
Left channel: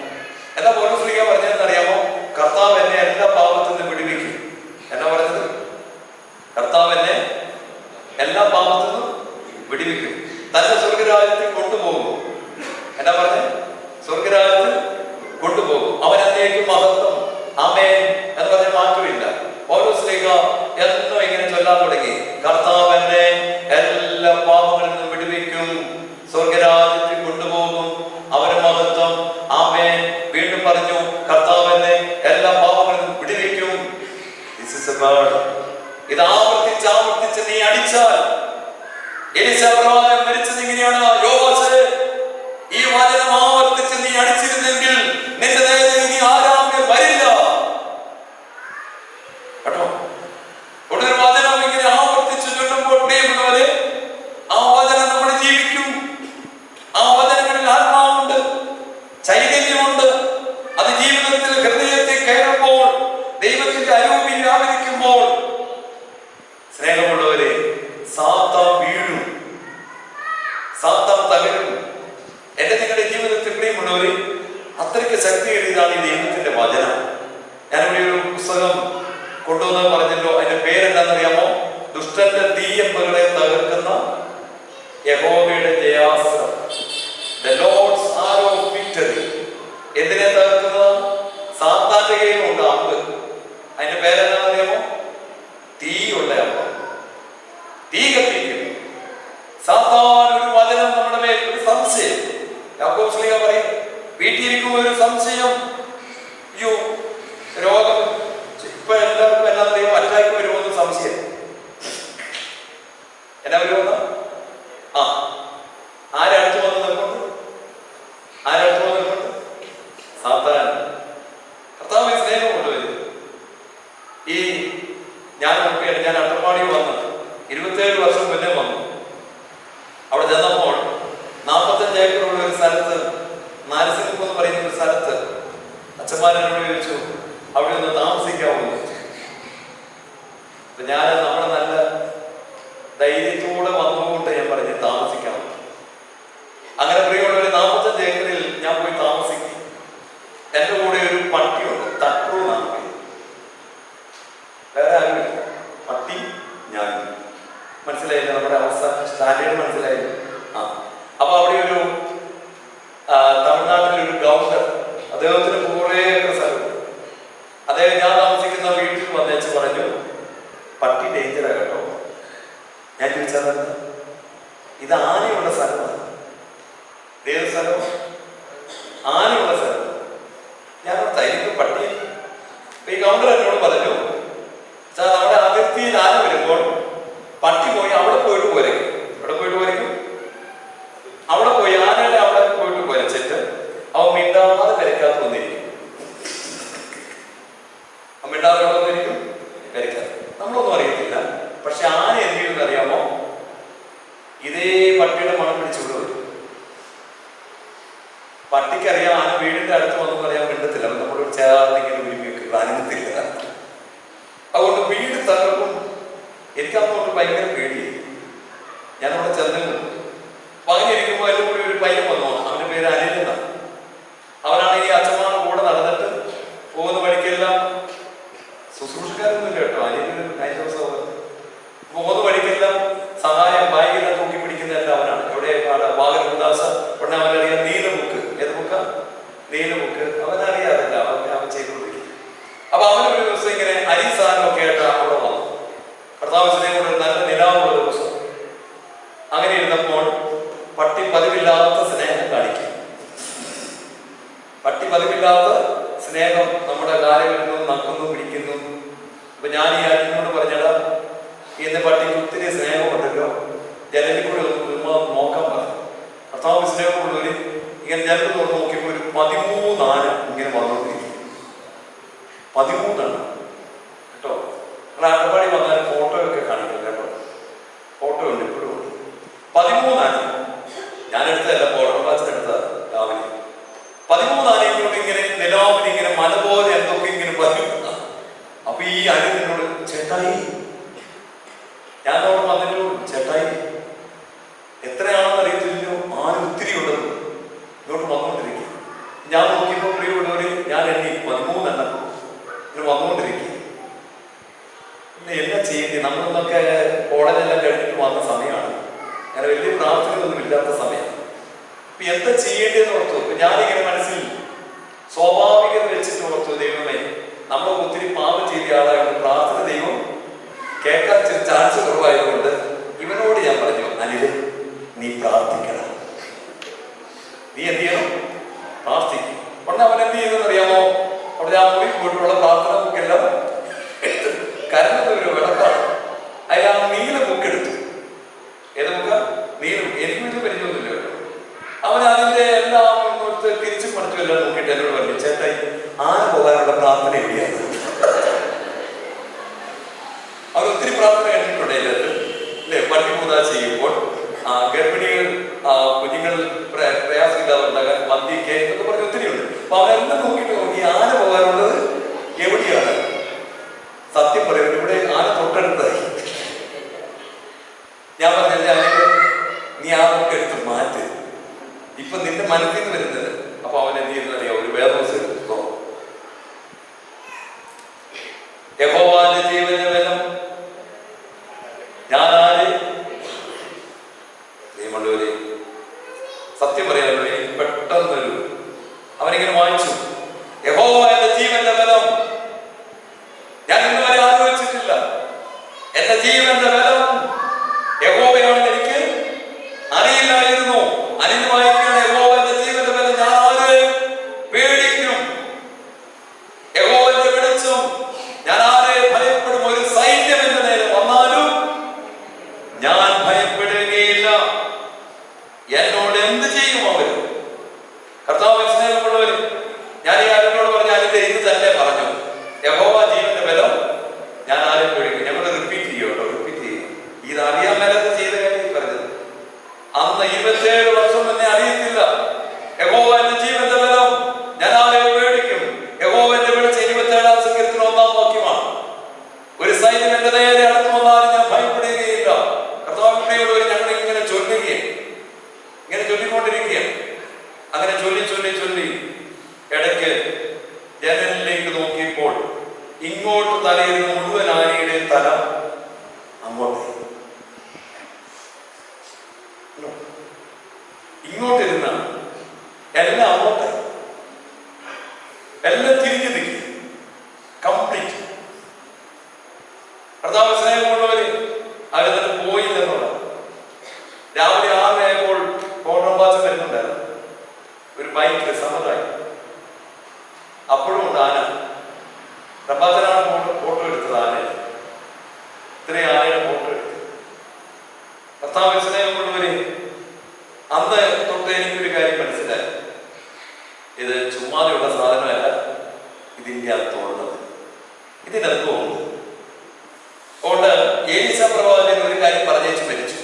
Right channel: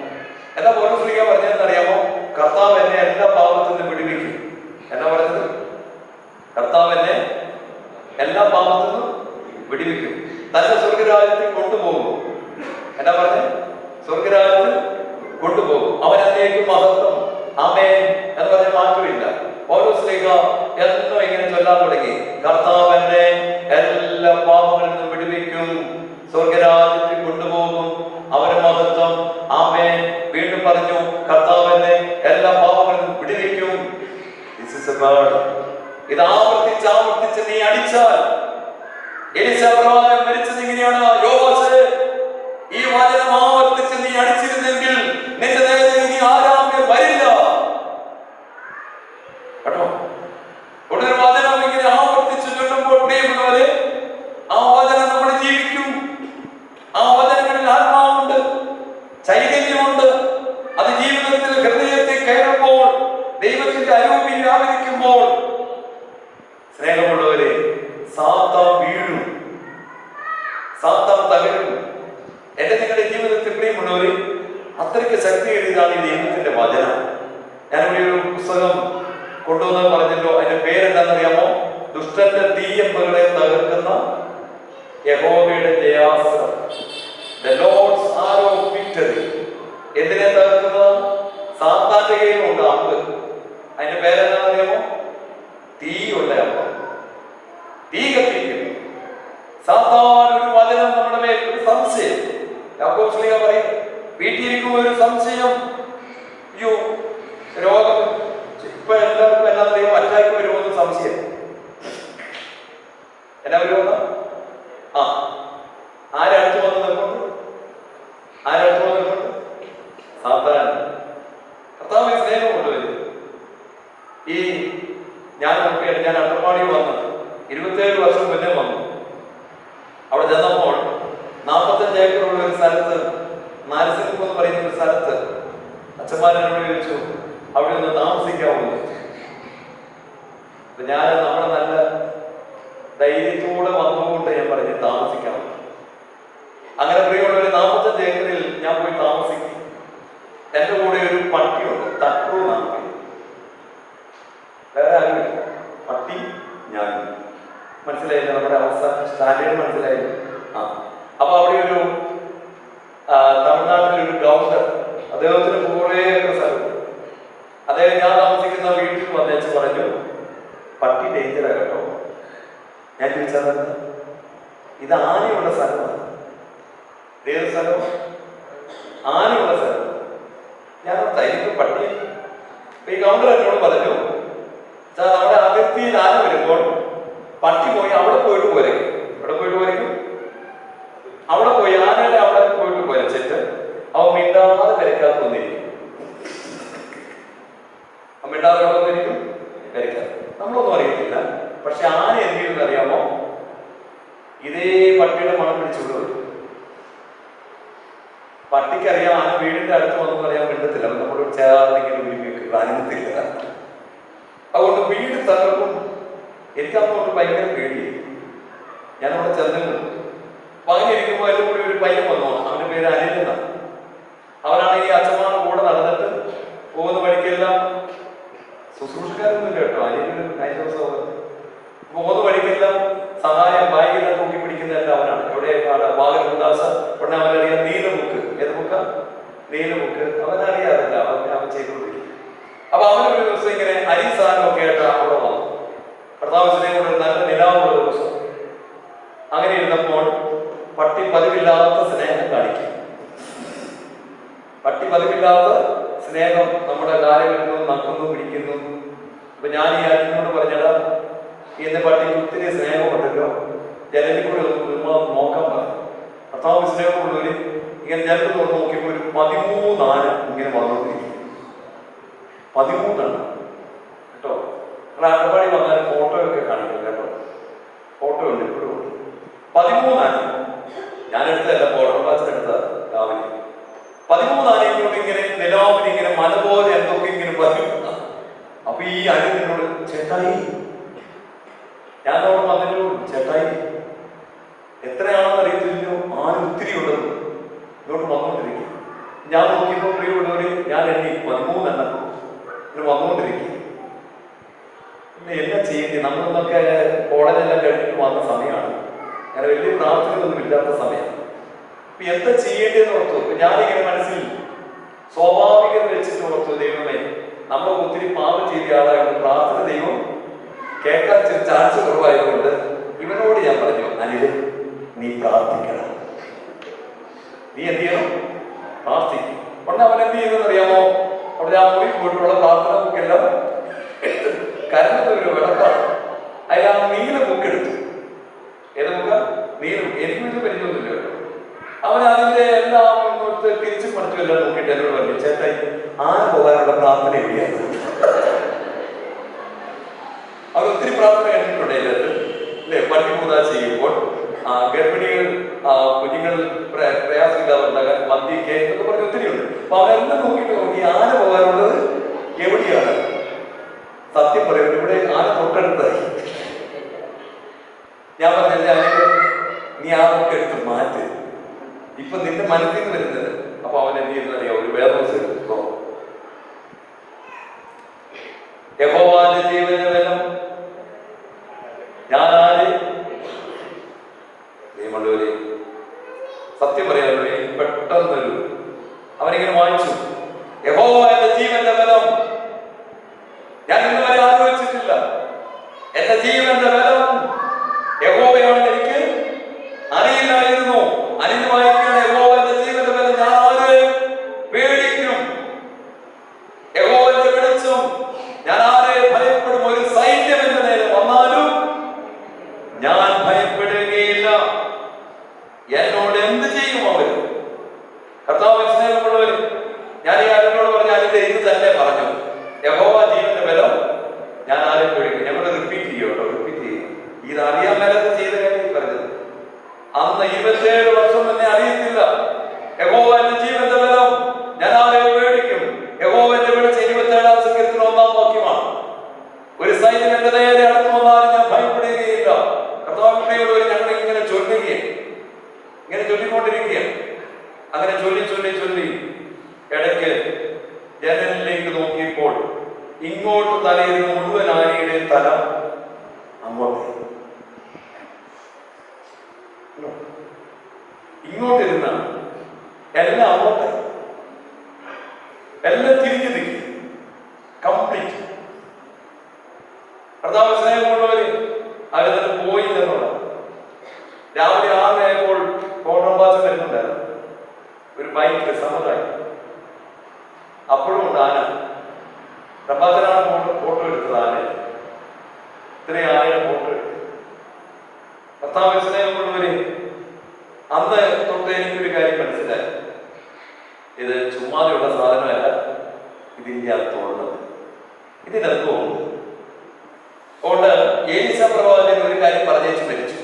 എന്താ പൗലോസ് പറഞ്ഞതെന്ന് അറിയാമോ? കർത്താവ് എന്നെ എല്ലാ പാപത്തിൽ നിന്ന് വിടുവിക്കും. എന്നാ പറഞ്ഞത്? കർത്താവ് എന്നെ എല്ലാ പാപത്തിൽ നിന്നും വിടുവിക്കും, തന്റെ സ്വർഗരാജ്യത്തിൽ കൊണ്ടുപോകും. എന്നാ പറഞ്ഞത്? സ്വർഗരാജ്യത്തിൽ കൊണ്ടുപോകും. അവൻ എന്നേക്കും മഹത്വം, ആമേൻ എന്ന് ചൊല്ലാൻ തുടങ്ങി. കർത്താവ് എന്നെ എല്ലാ പാപങ്ങളിൽ നിന്നും വിടുവിക്കും, സ്വർഗരാജ്യത്തിൽ കൊണ്ടുപോകും, അവന് മഹത്വം. ആമേൻ. വീണ്ടും പറഞ്ഞു, കർത്താവ് എന്നെ എല്ലാ പാപങ്ങളിൽ നിന്നും വിടുവിക്കും. ഇത് ആവർത്തിച്ച് നീ അടിച്ചാൽ, എലീശാ പ്രവാചകൻ മരിച്ചത് ഇങ്ങനെയാണ്. യോവാശേ, ഈ വചനം ആവർത്തിച്ച് നീ അടിച്ചിരുന്നെങ്കിൽ നിന്റെ നേരെ ഇനി ആരാമ്യം വരില്ല കേട്ടോ. ഒരു വചനം ഇങ്ങനെ ആവർത്തിച്ച് ചൊല്ലുമ്പോൾ പ്രിയമുള്ളവരെ, ആ വചനം നമ്മൾ ജീവിക്കും. ആ വചനങ്ങളിൽ ആത്മാവുണ്ട്, ചൈതന്യമുണ്ട്. അത് ജീവിതത്തിൽ ഹൃദയത്തിൽ കയറുമ്പോൾ, ദൈവത്തിന്റെ അരൂപിൽ വ്യാപരിക്കുമ്പോൾ, സ്നേഹമുള്ളവരെ, സാത്താൻ വീഴും, സാത്താൻ തകരും. എന്റെ നിങ്ങളുടെ ജീവിതത്തിൽ പ്രിയമുള്ളവരെ, അത്രയ്ക്ക് ശക്തിയേറിയതാണ് ഈ ദൈവത്തിന്റെ വചനം. ഞാനിവിടെ ഒരു പുസ്തകം കൊണ്ടുവന്ന് പറഞ്ഞല്ലോ. അതിന്റെ പേരെന്താണെന്നറിയാമോ? ദുഷ്ടന്റെ തീയമ്പുകളെ തകർക്കുന്ന യഹോവയുടെ ജയാസ്ത്രം, the Lord's arrow of victory. എന്തിനെ തകർക്കുന്നത്? സാത്താന്റെ കയ്യിലുണ്ട് അമ്പ്. അതിന്റെ പേരെന്താണെന്നറിയാമോ? തീയുള്ള അമ്പ്, തീ കത്തിക്കും. സാത്താൻ ഒരു വചനം നമ്മുടെ മേൽ, ഒരു സംശയം. യാക്കോബ് ശ്ലീഹ പറയും, വീട്ടിലിരിക്കുമ്പോൾ ഒരു സംശയം, അയ്യോ രോഗം ഇപ്പൊ എല്ലാവർക്കും എന്നാ അറിയുമോ, അറ്റാക്ക് വരുമോന്ന് സംശയം. എന്നാ വരുമോന്ന്? ആരടുത്ത് വന്ന് നിൽക്കുന്നു? ആരടുത്ത് വന്ന് നിൽക്കുന്നു? സാത്താൻ. കർത്താവിനെ സ്നേഹം കൊണ്ടുവരും. ഈ ഞാൻ നോക്കിയാണ്, ഞാൻ അട്ടപ്പാടി വന്നു 27 വർഷം മുന്നേ വന്നു. അവിടെ ചെന്നപ്പോൾ 45 ഏക്കറുള്ള ഒരു സ്ഥലത്ത്, നാരസിംഹം എന്ന് പറയുന്ന ഒരു സ്ഥലത്ത്, അച്ഛന്മാരോട് ചോദിച്ചു അവിടെ ഒന്ന് താമസിക്കാമോ? അപ്പൊ ഞാൻ നമ്മുടെ നല്ല ധൈര്യത്തോടെ വന്നുകൊണ്ട് ഞാൻ പറഞ്ഞു താമസിക്കണം. അങ്ങനെ പ്രിയമുള്ള ഒരു 45 ഏക്കറിൽ ഞാൻ പോയി താമസിക്കും. എന്റെ കൂടെ ഒരു പട്ടിയുണ്ട്, തക്രു എന്നാണ് പേര്. വേറെ ആരുമില്ല, പട്ടി ഞാൻ. മനസ്സിലായില്ല നമ്മുടെ അവസ്ഥ, സ്റ്റാൻഡേർഡ് മനസ്സിലായില്ല. അപ്പൊ അവിടെ ഒരു തമിഴ്നാട്ടിലൊരു ഗവർണർ, അദ്ദേഹത്തിന് കുറേ സ്ഥലം. അദ്ദേഹം ഞാൻ താമസിക്കുന്ന വീട്ടിൽ വന്നേച്ച് പറഞ്ഞു, പട്ടി ഡേഞ്ചറാ കേട്ടോ. ഞാൻ ചോദിച്ചാൽ ഇത് ആനയുള്ള സ്ഥലമാണ്. ഏത് സ്ഥലം? ആനയുള്ള സ്ഥലം. ഞാൻ തൈക്ക് പട്ടി. ഈ ഗവർണർ എന്നോട് പറഞ്ഞു, നമ്മുടെ അതിർത്തിയിൽ ആന വരുമ്പോൾ പട്ടി പോയി അവിടെ പോയിട്ട് പോരയ്ക്കും. അവിടെ പോയിട്ട് പോരയ്ക്കും, അവിടെ പോയി ആനയുടെ അവിടെ പോയിട്ട് കുരച്ചിട്ട് അവൻ മിണ്ടാതെ പെരക്കാത്ത വന്നിരിക്കും. മിണ്ടാതെ അവിടെ വന്നിരിക്കും, പെരക്കാത്ത. നമ്മളൊന്നും അറിയത്തില്ല. പക്ഷെ ആന എന്ത് ചെയ്യുമെന്ന് അറിയാമോ? ഇതേ പട്ടിയുടെ മണം പിടിച്ചുകൊണ്ട് വരും. പട്ടിക്കറിയാം ആന വീടിന്റെ അടുത്ത് വന്നു പറയാൻ മിണ്ടത്തില്ല, നമ്മളോട് ചേർന്നെങ്കിലും ഒരുമിക്ക് അനങ്ങത്തില്ല. അതുകൊണ്ട് വീട് തകർക്കും. എനിക്കങ്ങോട്ട് ഭയങ്കര പേടിയായി. ഞാനവിടെ ചെന്നു. അപ്പൊ അങ്ങനെ ഇരിക്കുമ്പോൾ അതിൽ കൂടി ഒരു പയ്യൻ വന്നു. അവന്റെ പേര് അനിൽ എന്നാണ്. അവനാണെങ്കിൽ അച്ഛന്മാരുടെ കൂടെ നടന്നിട്ട് പോകുന്ന വഴിക്കെല്ലാം, ശുശ്രൂഷക്കാരൊന്നുമില്ല കേട്ടോ, അനിൽ 9 ദിവസം പോകുന്ന വഴിക്കെല്ലാം സഹായം ബാഗിനെ തൂക്കി പിടിക്കുന്നതല്ല അവനാണ്. എവിടെ വാഗനദാസ ഉടനെ അവനറിയാം നീല ബുക്ക്. ഏത് ബുക്കാ? നീല ബുക്ക്. അവനറിയാതല്ല, അവൻ ചെയ്തുകൊണ്ടിരിക്കും. അപ്പൊ അവനൊരു ദിവസം ഇങ്ങനെ അരി സാധനമൊക്കെ ആയിട്ട് അവിടെ വന്നു. കർത്താവിനെ കൊണ്ട് നല്ല നിലാവുള്ള ദിവസം. അങ്ങനെ ഇരുന്നപ്പോൾ പട്ടി പതിവില്ലാത്ത സ്നേഹം കാണിക്കും. പട്ടി പതിവില്ലാത്ത സ്നേഹം നമ്മുടെ കാലുകളിൽ നക്കുന്നു, പിടിക്കുന്നു. അപ്പൊ ഞാൻ ഈ അച്ഛനോട് പറഞ്ഞടാ, ഇന്ന് പട്ടിക്ക് ഒത്തിരി സ്നേഹമുണ്ടല്ലോ, ജനലിൽ കൂടെ ഒന്ന് നോക്കാൻ പറഞ്ഞു. കർത്താവ് സ്നേഹമുള്ളവര് ഇങ്ങനെ ജനലിൽ കൊണ്ട് നോക്കിയപ്പോൾ ഒരു 13 ആന ഇങ്ങനെ വന്നുകൊണ്ടിരിക്കും. 13 കേട്ടോ. അട്ടപ്പാടി വന്നാൽ ഫോട്ടോ ഒക്കെ കാണിക്കും കേട്ടോ. ഫോട്ടോ ഉണ്ട്, ഇപ്പോഴും ഉണ്ട്. 13 ആന. ഞാനെടുത്തതല്ല, ഫോട്ടോ ക്ലാസ്സിനെടുത്തതാണ് രാവിലെ. 13 ആനയും കൊണ്ട് ഇങ്ങനെ നിലാവിന് ഇങ്ങനെ മല പോലെ എന്തൊക്കെ ഇങ്ങനെ പറയും. അപ്പൊ ഈ അനിലിനോട് ചേട്ടായി, ഞാൻ അവിടെ വന്നിട്ട് ചേട്ടായി എത്രയാണെന്ന് അറിയത്തില്ലല്ലോ, ആന ഒത്തിരി ഉള്ളത് ഇങ്ങോട്ട് വന്നുകൊണ്ടിരിക്കും. ഞാൻ നോക്കിയപ്പോൾ പ്രിയമുള്ളവര്, ഞാൻ എണ്ണി 13 എണ്ണം ഇങ്ങനെ വന്നുകൊണ്ടിരിക്കും. എല്ലാം ചെയ്യേണ്ടി, നമ്മളൊന്നൊക്കെ കോളേജെല്ലാം കഴിഞ്ഞിട്ട് വന്ന സമയമാണ്. അങ്ങനെ വലിയ പ്രാർത്ഥനയൊന്നും ഇല്ലാത്ത സമയം. അപ്പൊ എന്താ ചെയ്യേണ്ടതെന്ന് ഓർത്തു. ഞാനിങ്ങനെ മനസ്സിൽ സ്വാഭാവികത വെച്ചിട്ട് ഓർത്തു, ദൈവമേ നമ്മൾ ഒത്തിരി പാപം ചെയ്ത ആളായതുകൊണ്ട് പ്രാർത്ഥന ദൈവം കേൾക്കാൻ ചാൻസ് കുറവായതുകൊണ്ട് ഇവനോട് ഞാൻ പറഞ്ഞു, അനില് നീ പ്രാർത്ഥിക്കണം, നീ എന്ത് ചെയ്യണം, പ്രാർത്ഥിക്കും. ഉടനെ അവൻ എന്ത് ചെയ്യുമെന്ന് അറിയാമോ? അവിടെ ആ മുറി പോയിട്ടുള്ള പ്രാർത്ഥന ബുക്കെല്ലാം കരഞ്ഞ ഒരു വിളക്കാണ്. അതിൽ ആ നീല ബുക്കെടുത്തു. ഏത് ബുക്ക? നീലും. എനിക്ക് വീട്ടിൽ പരിചയമൊന്നുമില്ല കേട്ടോ. അവൻ അതിന്റെ എല്ലാം തിരിച്ചു പഠിച്ചു എല്ലാം നോക്കിയിട്ട് എന്നോട് പറഞ്ഞു, ചേട്ടായി ആന പോകാനുള്ള പ്രാർത്ഥന എവിടെയാണ്? അവർ ഒത്തിരി പ്രാർത്ഥന കണ്ടിട്ടുണ്ട് അതിനകത്ത് അല്ലെ? പട്ടി പൂതാ ചെയ്യുമ്പോൾ ഗർഭിണികൾ കുഞ്ഞുങ്ങൾ പ്രയാസമില്ലാതുണ്ടാകാൻ മന്തിക്ക് എന്നൊക്കെ പറഞ്ഞ് ഒത്തിരിയുണ്ട്. അപ്പൊ അവരെല്ലാം നോക്കിയിട്ട് നോക്കി ആന പോകാനുള്ളത് എവിടെയാണ്? സത്യം പറയുന്നത് ഇവിടെ ആന തൊട്ടടുത്തായി. ഞാൻ പറഞ്ഞല്ലേ അതിന് നീ ആ ബുക്ക് എടുത്ത് മാറ്റ്, ഇപ്പൊ നിന്റെ മനസ്സിൽ നിന്ന് വരുന്നത്. അപ്പൊ അവൻ എന്ത് ചെയ്യുന്നറിയാം? ഒരു വേദോസ് എടുത്തോ, യഹോവയുടെ ജീവന്റെ ബലം ഞാനാര്? നിയമമുള്ളവരെ സത്യം പറയാമല്ലോ, എനിക്ക് പെട്ടെന്നൊരു അവനിങ്ങനെ വായിച്ചു, യഹോവയുടെ ജീവന്റെ ബലം. ഞാൻ ഇന്നുവരെ ആലോചിച്ചിട്ടില്ല. എന്റെ ജീവന്റെ ബലം യഹോവയാണെന്ന് എനിക്ക് അറിയില്ലായിരുന്നു. അനിന്ന് വായിക്കുകയാണ്, യഹോവയുടെ ജീവന്റെ ബലം ഞാൻ ആരെ പേടിക്കും? യഹോവയുടെ വെളിച്ചം ഞാൻ ആരെ ഭയപ്പെടും? ഒരു സൈന്യം എന്റെ നേരെ വന്നാലും ഞാൻ ഭയപ്പെടുകയില്ല. എന്നോട് എന്ത് ചെയ്യും അവർ? കർത്താവ് സ്നേഹമുള്ളവർ, ഞാൻ ഈ ആരോട് പറഞ്ഞ അതിന്റെ ഇത് തന്നെ പറഞ്ഞു, യഹോവ ജീവന്റെ ബലം ഞാൻ ആരെയും പേടിക്കും. ഞങ്ങൾ റിപ്പീറ്റ് ചെയ്യും കേട്ടോ, റിപ്പീറ്റ് ചെയ്യും. ഇത് അറിയാൻ മേലത്ത് ചെയ്ത കാര്യം പറഞ്ഞത്. അന്ന് 27 വർഷം തന്നെ അറിയത്തില്ല. യഹോവ എന്റെ ജീവന്റെ ബലം ഞാൻ ആരെയും പേടിക്കും. യഹോവന്റെ വെളിച്ചം 27-ാം സങ്കീർത്തനം 1-ാം വാക്യമാണ്. ഒരു സൈന്യം എന്റെ നേരെ അടുത്ത് വന്നാലും ഞാൻ ഭയപ്പെടുകയില്ല. കർത്താവിനോട് ഞങ്ങൾ ഇങ്ങനെ ചൊല്ലുകയും ഇങ്ങനെ ചൊല്ലിക്കൊണ്ടിരിക്കുകയാണ്. അങ്ങനെ ചൊല്ലി ചൊല്ലി ചൊല്ലി ഇടയ്ക്ക് ജനലിലേക്ക് നോക്കിയപ്പോൾ ഇങ്ങോട്ട് തലയിരുന്ന മുഴുവൻ ആനയുടെ തല അങ്ങോട്ട്, ഇങ്ങോട്ടിരുന്ന എല്ലാം അങ്ങോട്ട്, എല്ലാം തിരിഞ്ഞു നിൽക്കും കംപ്ലീറ്റ്. കർത്താവ് സ്നേഹമുള്ളവര് അവരതിന് പോയില്ലെന്നുള്ള. രാവിലെ 6 ആയപ്പോൾ കോൺട്രംബാസ് വരുന്നുണ്ടായിരുന്നു ഒരു ബൈക്കിൽ സമുദായം. അപ്പോഴും ഉണ്ട് ആന. പ്രഭാതനാണ് ഫോട്ടോ എടുത്തത്. ആന ഇത്രയും ആനയുടെ ഫോട്ടോ എടുത്തു. കർത്താവ് സ്നേഹമുള്ളവര് അന്ന് തൊട്ട് എനിക്കൊരു കാര്യം മനസ്സിലായി, ഇത് ചുമ്മാതെയുള്ള സാധനമല്ല, ഇതിന്റെ അർത്ഥമുള്ളത്, ഇതിനർത്ഥമുണ്ട്. അതുകൊണ്ട് ഏലീശ പ്രവാചകൻ ഒരു കാര്യം പറഞ്ഞേച്ച് മരിച്ചു.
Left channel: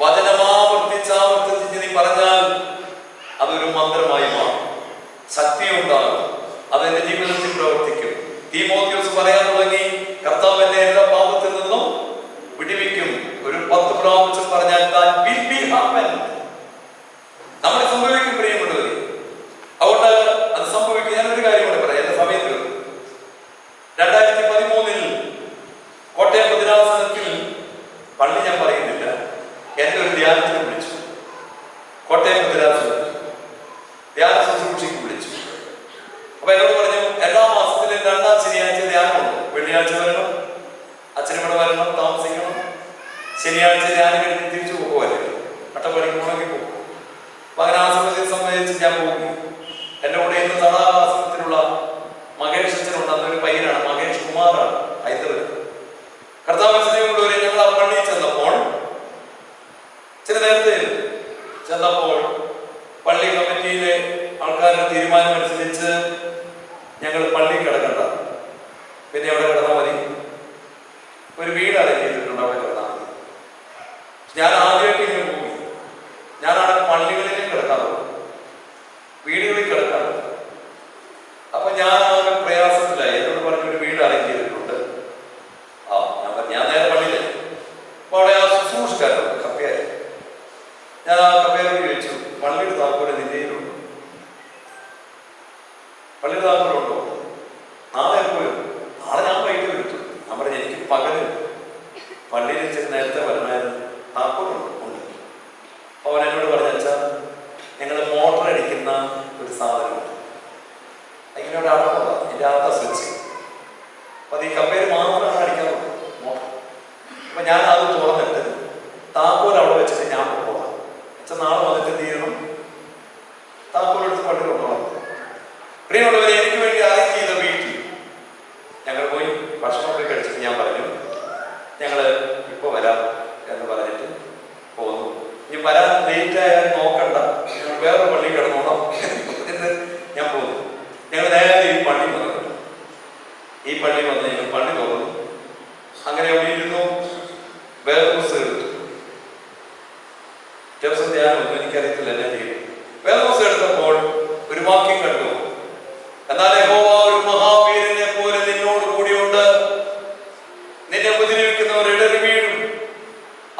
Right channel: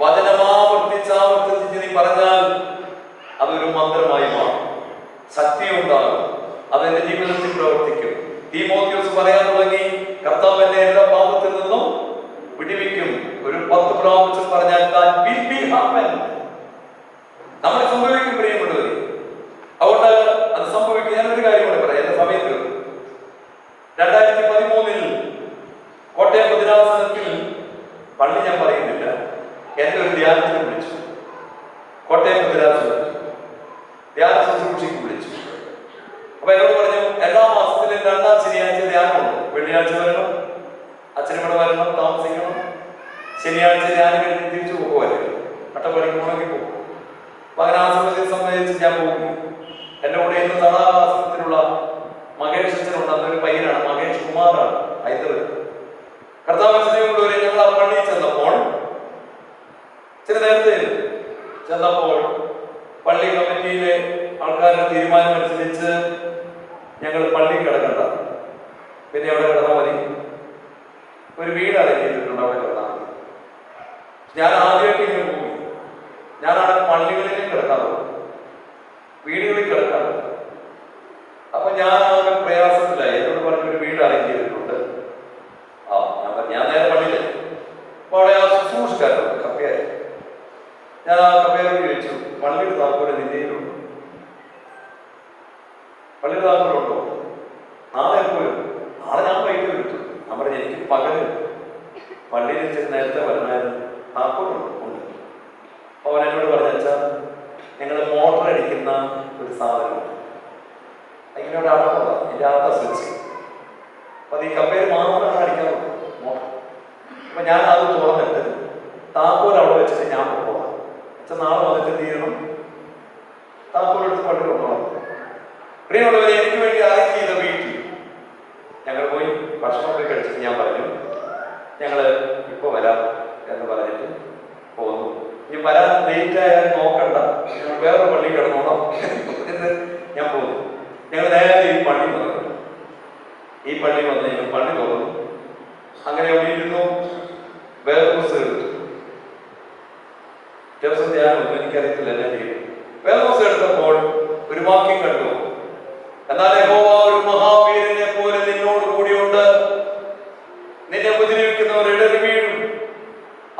വചനമാവർത്തിച്ചാവർത്തിച്ച് നീ പറഞ്ഞാൽ അതൊരു മന്ത്രമായി മാറും, ശക്തിയുണ്ടാകും, അതെന്റെ ജീവിതത്തിൽ പ്രവർത്തിക്കും. തീമോഥെയോസ് പറയാൻ തുടങ്ങി, കർത്താവ് എന്നെ എല്ലാ പാപത്തിൽ നിന്നും വിടുവിക്കും. ഒരു 10 പ്രാവശ്യം പറഞ്ഞാൽ നമ്മൾ സംഭവിക്കും പ്രിയമുള്ളവർ. അതുകൊണ്ട് അത് സംഭവിക്കും. ഞാനൊരു കാര്യം കൂടെ പറയാം, എന്റെ സമയത്ത് 2013 കോട്ടയം ഭദ്രാസനത്തിൽ പള്ളി ഞാൻ പറയുന്നില്ല, എന്റെ ഒരു ധ്യാനത്തിന് വിളിച്ചു. കോട്ടയം ഭദ്രാസനത്തിൽ ധ്യാന ശുശ്രൂഷയ്ക്ക് വിളിച്ചു. അപ്പൊ എന്നോട് പറഞ്ഞു, എല്ലാ മാസത്തിലും 2-ാം ശനിയാഴ്ച ധ്യാനമുണ്ട്. വെള്ളിയാഴ്ച വരണം, അച്ഛനിവിടെ വരണം, താമസിക്കണം. ശനിയാഴ്ച ധ്യാനം കഴിഞ്ഞ് തിരിച്ചു പോകുമല്ലേ, അട്ടപ്പള്ളിക്ക് പോകണമെങ്കിൽ പോകും. അപ്പൊ അങ്ങനെ ആ സമയത്തെ സംബന്ധിച്ച് ഞാൻ പോകും. എന്റെ കൂടെ ഇന്ന് തടാകാസനത്തിലുള്ള മഹേഷ് അച്ഛനുണ്ട്. അന്നൊരു പയ്യനാണ്, മഹേഷ് കുമാറാണ്, ഹൈദരാബാദ്. കർത്താവ് സ്നേഹമുള്ളവരെ, ഞങ്ങൾ ആ പള്ളിയിൽ ചെന്നപ്പോൾ ചില നേരത്തെ ചെന്നപ്പോൾ പള്ളി കമ്മിറ്റിയിലെ ആൾക്കാരുടെ തീരുമാനം അനുസരിച്ച് ഞങ്ങൾ പള്ളി കിടക്കണ്ട, പിന്നെ അവിടെ കിടന്നാൽ മതി, ഒരു വീട് അറേഞ്ച് ചെയ്തിട്ടുണ്ട്, അവിടെ കിടന്നാൽ മതി. ഞാൻ ആദ്യമായിട്ട് ഇങ്ങനെ പോയി. ഞാനാണ് പള്ളികളിലും കിടക്കാറുള്ളത്, വീടുകളിൽ കിടക്കാറുള്ളത്. അപ്പൊ ഞാൻ ആകെ പ്രയാസത്തിലായി. എന്നോട് പറഞ്ഞൊരു വീട് അറേഞ്ച് ചെയ്തിട്ടുണ്ട്. ഞാൻ നേരെ പള്ളിയിലെ അപ്പൊ അവിടെ ആ ശുശ്രൂഷക്കാരുണ്ട്, കപ്പയായി. ഞാൻ ആ കപ്പയോട് ചോദിച്ചു, പള്ളിയുടെ താക്കോല് നിന്റെയിലുണ്ടോ? പള്ളിയുടെ താക്കോലുണ്ടോ? നാളെ എപ്പോഴും? നാളെ ഞാൻ വൈകിട്ട് വിളിച്ചു. ഞാൻ പറഞ്ഞു, എനിക്ക് പകല് പള്ളിയിൽ ചെന്ന് നേരത്തെ വരണമായിരുന്നു, താക്കോലുണ്ട്. ഉണ്ട്. അവൻ എന്നോട് പറഞ്ഞു, അച്ഛാ ഞങ്ങൾ മോട്ടർ അടിക്കുന്ന ഒരു സാധനമുണ്ട്, ഇങ്ങനെ ഒരു അടപ്പുള്ള എൻ്റെ അകത്ത സ്വിച്ച്. അപ്പൊ അത് ഈ കപ്പയിൽ മാത്രമാണ് അടിക്കാറുള്ളത് മോട്ടർ. അപ്പൊ ഞാൻ അത് തുറന്നിട്ട് താക്കോൽ അവിടെ വെച്ചിട്ട് ഞാൻ കൊണ്ടുപോകാം. അച്ഛൻ നാളെ വന്നിട്ട് എന്ത് ചെയ്യണം? താക്കോലെടുത്ത് പള്ളി കൊണ്ടുപോകാം. പ്രിയമുള്ളവരെ, എനിക്ക് വേണ്ടി അറേഞ്ച് ചെയ്ത വീട്ടിൽ ഞങ്ങൾ പോയി ഭക്ഷണമൊക്കെ കഴിച്ചിട്ട് ഞാൻ പറഞ്ഞു, ഞങ്ങൾ ഇപ്പോൾ വരാം എന്ന് പറഞ്ഞിട്ട് പോന്നു. ഇനി വരാൻ ലേറ്റ് ആയാൽ നോക്കണ്ട, വേറെ പള്ളി കിടന്നോളാം എന്ന് ഞാൻ പോന്നു. ഞങ്ങൾ നേരെ ഈ പള്ളി വന്നു. ഈ പള്ളി വന്ന് ഞങ്ങൾ പള്ളി തുറന്നു. അങ്ങനെ അവിടെ ഇരുന്നു. വേറെ പുസ്തകം എടുത്തു. ദിവസം ധ്യാനമൊന്നും എനിക്കറിയത്തില്ല എന്നെ ചെയ്യും. വേറെ പുസ്തകം എടുത്തപ്പോൾ ഒരു വാക്യം കണ്ടു. എന്നാൽ യഹോവ ഒരു മഹാവീരനെ പോലെ നിന്നോട് കൂടിയുണ്ട്. നിന്നെ ഉപദ്രവിക്കുന്നവർ ഇടറി വീഴും.